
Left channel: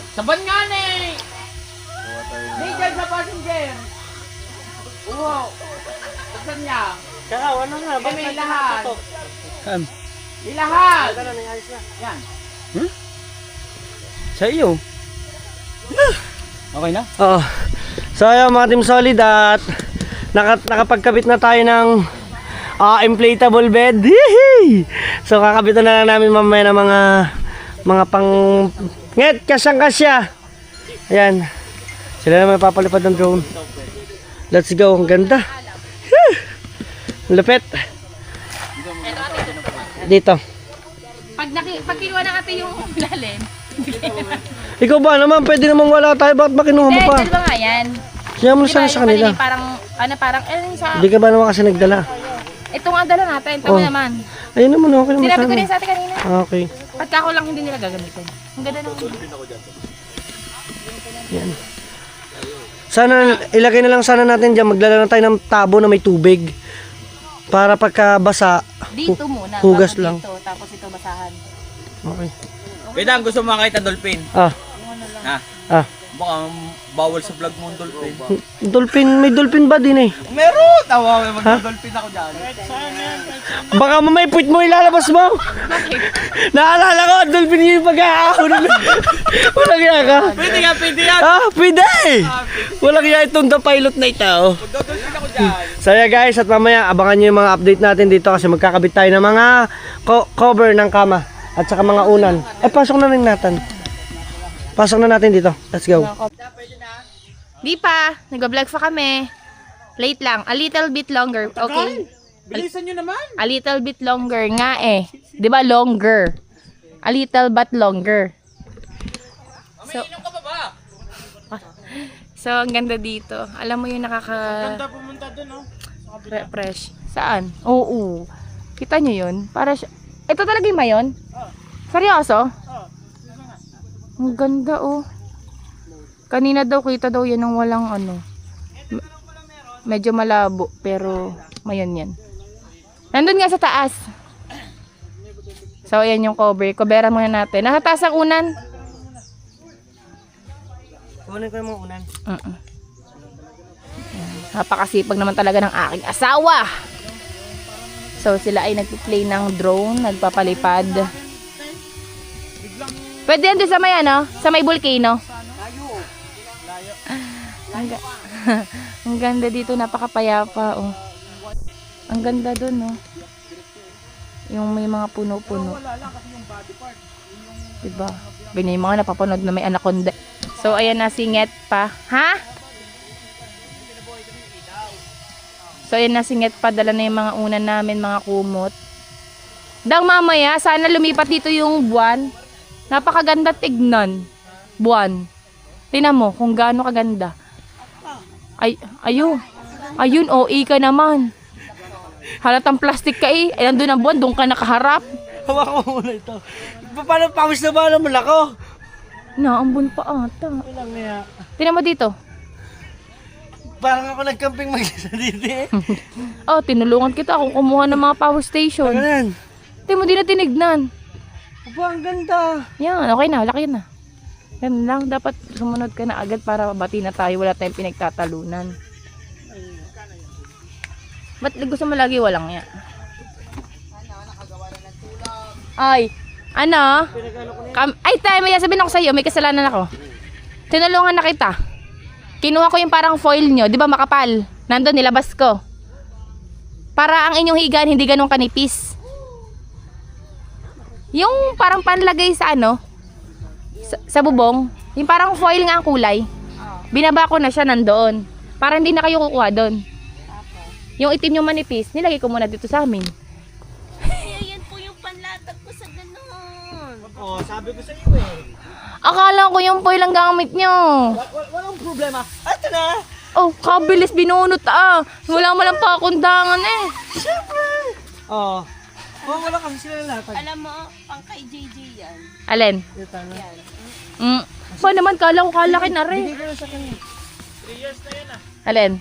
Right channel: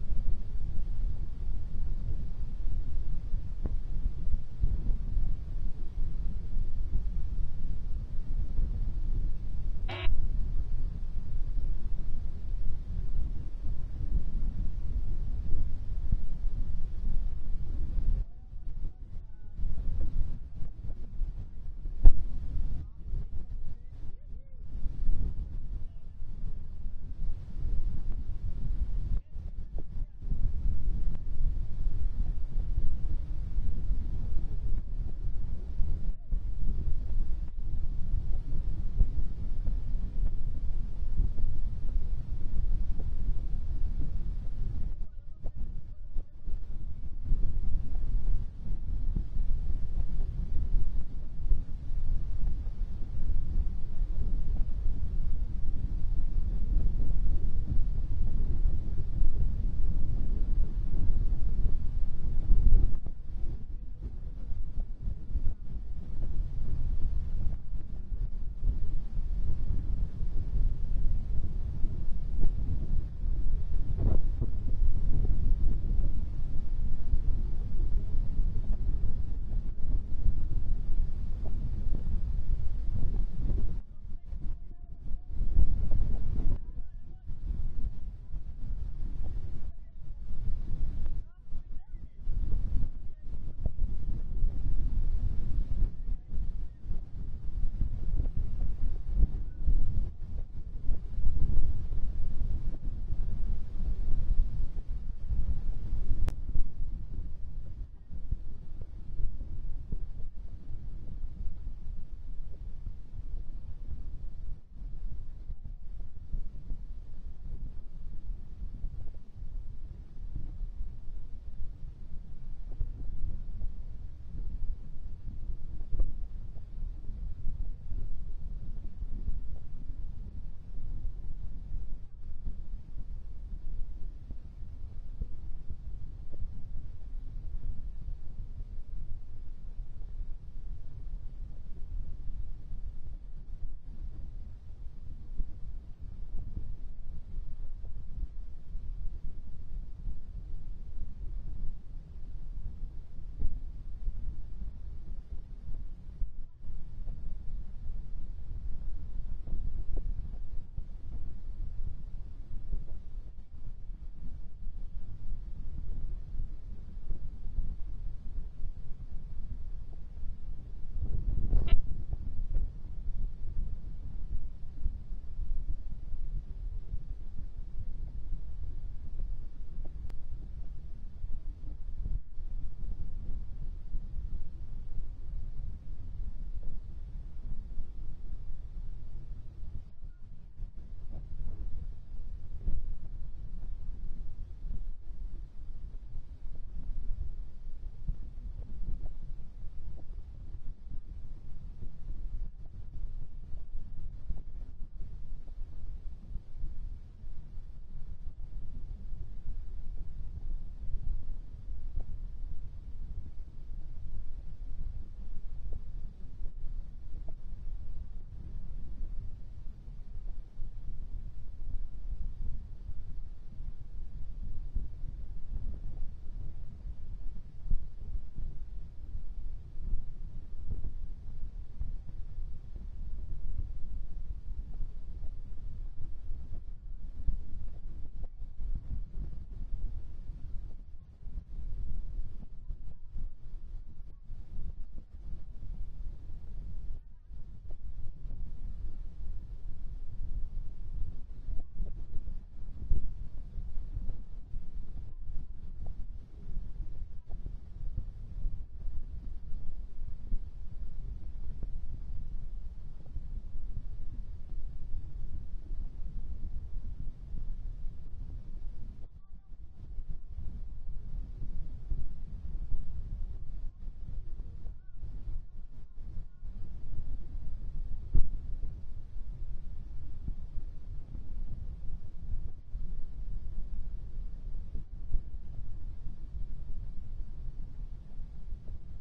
Saban nga ne! Legal sa passenger! Wow! Buksan niya! Kaya, ano nga? Bakit may lahat? Saan? Ilahat! Ano, ayos na. Yan. Sa iyo. Okay na? Oo. So ayun mga Team Solid at nakapagkabit na tayo ng inflatable bed. Yee! So kakabitan na lang namin mamaya ng mga pang nget, kasyang-kasya. Ayan. Sila naman papalipad ng drone. Let's go. Ang ganda. Whew! Lupit. Dito. Pag kinuha na ate yung lalim. Ikaw ba naman? Pwede naman wala tayo. Bakit ba kinuha mo Hindi, pa? dalawa nga yan. Siya mo na Diba, sana sa yung kanila. kanina parang, yung sa... Hindi ka ba naman kasi nagdala? Ito nga dala natin, tama Oh. naman. Ayun naman, okay naman Sinabi ko sana. din sa atin kanina. Okay. Pagka ako lang hindi nila gagamitin. Ang ganda naman. Yan. Sana ilagay na lang sana natin diyan, magdala na tayo ng tabo na may tubig. Para pagka basa, Dito muna. hugas bago lang. Dito, tapos ito basahan. Okay. Bedang, gusto mo makita dolphin? Ah. Ha? Ah. Baka Bawal sa vlog mo ang dolphin. May dolphin ba din eh? Meron! Tawa, may mag-dolphin ako dyan. Baka mamay puwit mo ilalabas mo. Naalala ko, ang dolphin yung pag-aahon. Walang iya ka. Pwede nga, pwede yan! Pwede! Walang iya itong the pilot na ito. Mag-dolphin ako dyan. So yeah guys, at mamaya abangan nyo yung mga update natin dito kasi magkakabit tayo ng mga cover ng kama at saka mga unan. Pasok na rin natin. Pasok na natin dito. Let's go. Di pa, nag-vlog pa kami. Late lang, a little bit longer. Okay. Bilisan nyo naman! A little bit longer nga eh. 'Di ba longer? A little but longer. So, Inom ka pa ba? so ang ganda dito. Alam mo yung Ganda pumunta dun, no? fresh. Saan? Oo. Kita nyo yun? Para siya... Ito talaga yung mayon? Seryoso? Ang ganda oh. Kanina daw kita daw yan ng walang ano. Medyo malabo pero mayon yan. Nandun nga sa taas. So ayan yung cover. Coveran muna natin. Nasa taas ang unan. Kunin ko yung mga unan. Napakasipag naman talaga ng aking asawa. So sila ay nagpi-play ng drone, nagpapalipad. Pwede yan doon sa may ano, sa may volcano. Ang ganda dito, napakapayapa oh. Ang ganda doon oh. Yung may mga puno-puno. Diba? Ganyan yung mga napapanood na may anaconda. So ayan na, singit pa. Ha? So ayan na, singit pa. Dala na yung mga unan namin, mga kumot. Dang mamaya, sana lumipat dito yung buwan. Napakaganda tignan. Buwan. Tingnan mo kung gaano kaganda. Ayun, OA ka naman. Halatang plastic ka eh. Ay, nandun ang buwan, doon ka nakaharap. Hawakan mo muna ito. Paano pawis na ba naman ako? Naambun pa ata. Walang iya. Tingnan mo dito. Parang ako nagcamping mag-isa dito eh. Oh, tinulungan kita kung kumuha ng mga power station. Ganun. Tingnan mo, di na tinignan. Aba, ang ganda. Yan, okay na, laki na. Yan lang, dapat sumunod ka na agad para bati na tayo. Wala tayong pinagtatalunan. Ba't gusto mo lagi walang ya? Ay, ano? Ay, tayo, may sabihin ako sa'yo, may kasalanan ako. Tinulungan na kita. Kinuha ko yung parang foil nyo, di ba makapal? Nandun, nilabas ko. Para ang inyong higaan hindi ganun kanipis. Yung parang panlagay sa ano, sa bubong, yung parang foil nga ang kulay. Binaba ko na siya nandoon. Para hindi na kayo kukuha doon. Yung itim yung manipis, nilagay ko muna dito sa amin. Yan po yung panlatag ko sa ganun. Oo, sabi ko sa iyo eh. Akala ko yung foil ang gamit nyo. Walang problema. Ito na. Oh, kabilis binunot ah. Wala mo lang pakundangan eh. Siyempre. Oo. Wala kasi sila lahat. Alam mo, pang kay JJ yan. Alin? Pa naman, kala ko kalaki na rin. Bigay ko na sa kanya. Alin?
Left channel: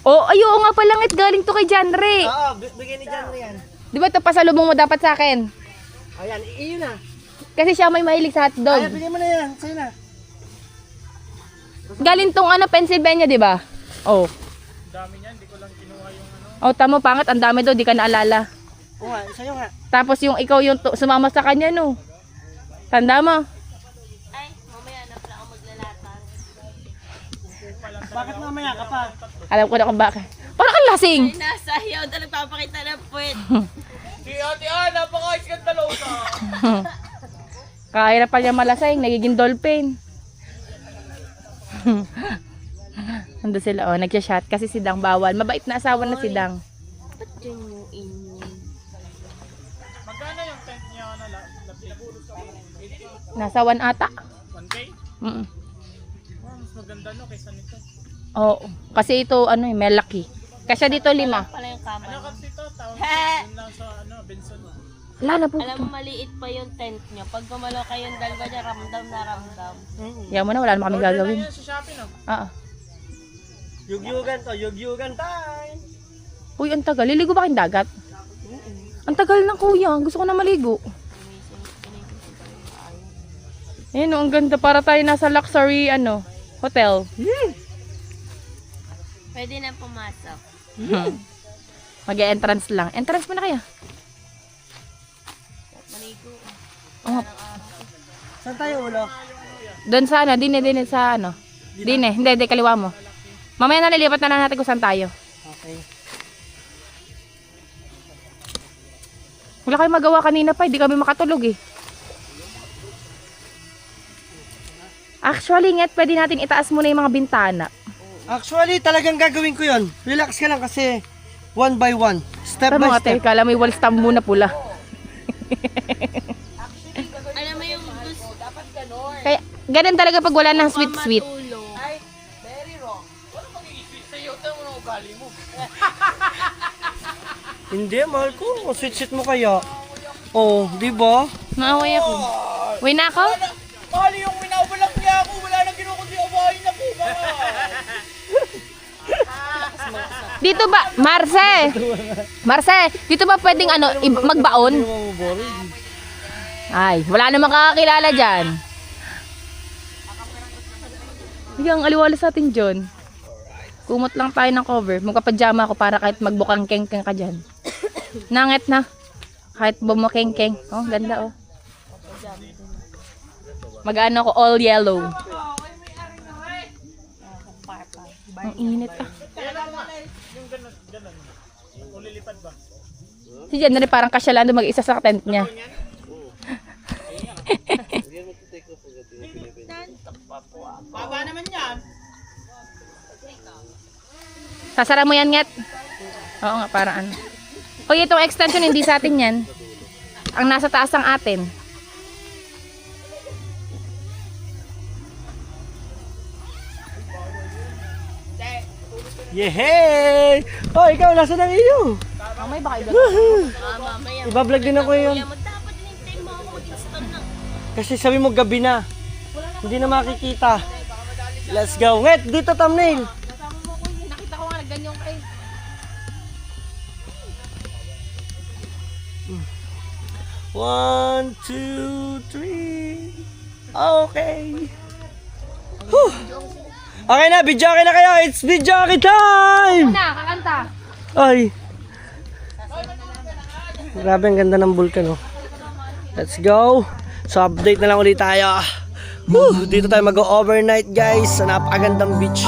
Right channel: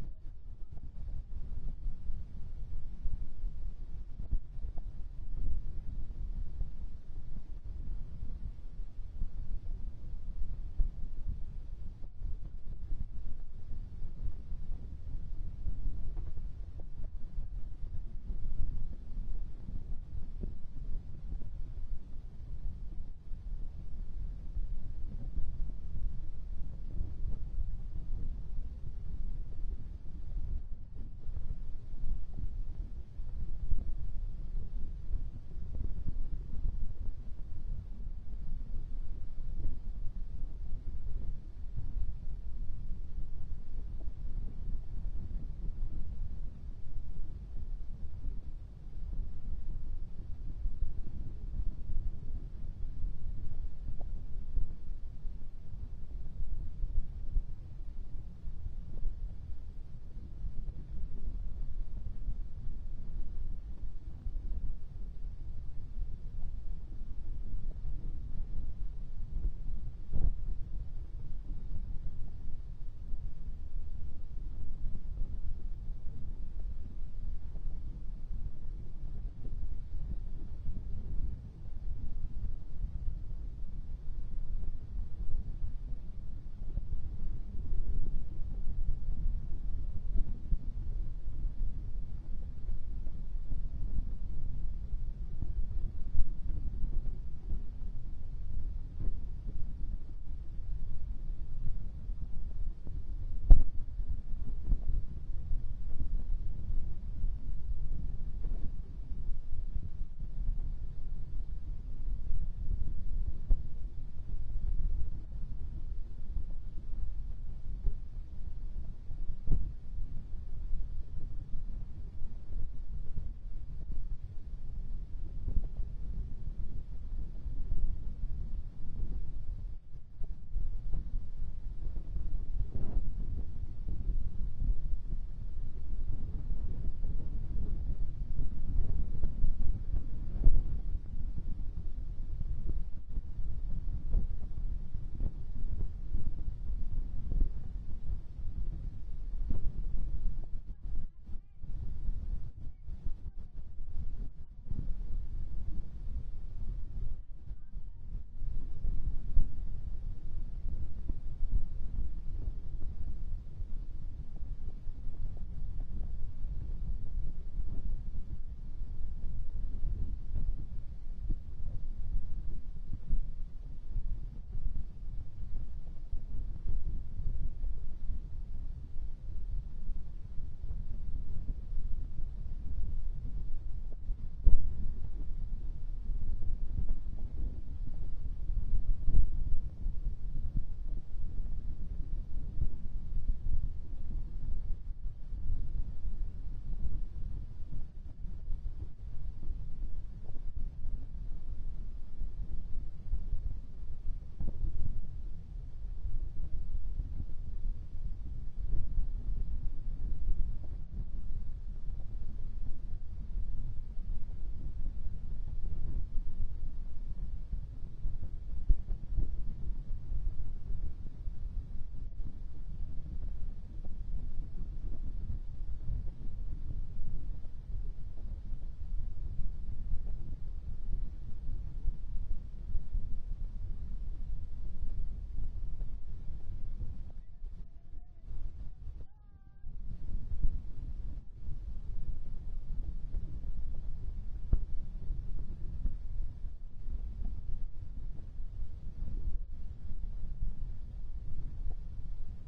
Oh, ayo nga palangit, galing to kay Janre. Oo, bigay ni John yan. Di ba ito pasalubong mo dapat sa akin? Ayan, iyon na. Kasi siya may mahilig sa hotdog. Ayan, bigay mo na yan. Sa'yo na. Galing tong ano, Pennsylvania, di ba? Oh. Dami niyan, di ko lang kinuha yung ano. Oh, tama, pangat, ang dami daw, di ka naalala. Oo nga, sa'yo nga. Tapos yung ikaw yung sumama sa kanya, no? Tanda mo? Ay, mamaya na pala ako maglalatan. Bakit mamaya ka pa? Alam ko na kung bakit. Parang kang lasing. Ay, nasayaw na nagpapakita ng puwet. Si Ate Ana, napaka-iskandalosa! Kaya na pa niya malasing, nagiging dolphin. Nandun sila, oh, nagsya-shot kasi si Dang bawal. Mabait na asawa na si Dang. Ba't dyan yung inyo? Magkano yung tent niya na pinagulog sa Nasa 1 ata. 1K? Mas maganda no kaysa nito. Oo, kasi ito ano, malaki. Kasi dito 5. Pala yung kama. Ano kasi ito? Tawag Ha! yun lang sa Benson. Lala po Alam ito. mo, maliit pa yung tent nyo. Pag gumalaw kayong dalawa niya, ramdam na ramdam. Yaman mo na, wala naman kami gagawin. Yan sa Shopee no? Ah. Yugyugan to, yugyugan time. Uy, ang tagal. Liligo ba kayong dagat? Ang tagal ng kuya. Gusto ko na maligo. Ayun, oh, ang ganda. Para tayo nasa luxury, hotel. Pwede na pumasok. Mag-entrance lang. Entrance mo na kaya? Manigo. Oh, Saan tayo ulo? doon sa dine sa Dine, hindi, kaliwa mo. Mamaya nalilipat na lang natin kung saan tayo. Okay. Wala kayo magawa kanina pa, hindi kami makatulog eh. Actually, nget, pwede natin itaas muna yung mga bintana. Actually, talagang gagawin ko yon. Relax ka lang kasi one by one. Step Tama by nga, step. kala may wall stamp muna pula. Alam mo yung gusto dapat ganon. Kaya, ganun talaga pag wala ng sweet. Matulog. Hindi, mahal ko. Kung sweet mo kaya. Oh, di ba? Naaway ako. Uwi na ako? Mahal yung winawalang niya ako. Wala nang kinukundi awahin na po. Dito ba, Marce, dito ba pwedeng magbaon? Ay, wala namang kakakilala dyan. Yung aliwala sa atin, John. Kumot lang tayo ng cover. Magpapajama ako para kahit magbukang keng-keng ka dyan. Nanget na. Kahit bumukeng-keng. Oh, ganda oh. Mag-ano ako, all yellow. Ang init ah. Si Jen na rin parang kasyalan doon mag-isa sa tent niya. Baba naman yan. Sasara mo yan, Nget? Oo nga, parang ano. O, itong extension, hindi sa atin yan. Ang nasa taas ang atin. Yehey! Oh, ikaw, nasa ng iyo? Mamay, baka iba. Mamaya. Ibablog din ako yun. Kuya, dapat hinintay mo ako mag-install ng Kasi sabi mo gabi na. Hindi na makikita. Let's go. Nget, dito thumbnail. Nakita ko nga, nagganyan ka eh. One, two, three. Okay. Whew. Okay na, video na kayo. It's video time! Na, kakanta. Ay. Grabe, ang ganda ng vulkan, oh. Let's go. So, update na lang ulit tayo. Whew, dito tayo mag-overnight, guys, sa napakagandang beach.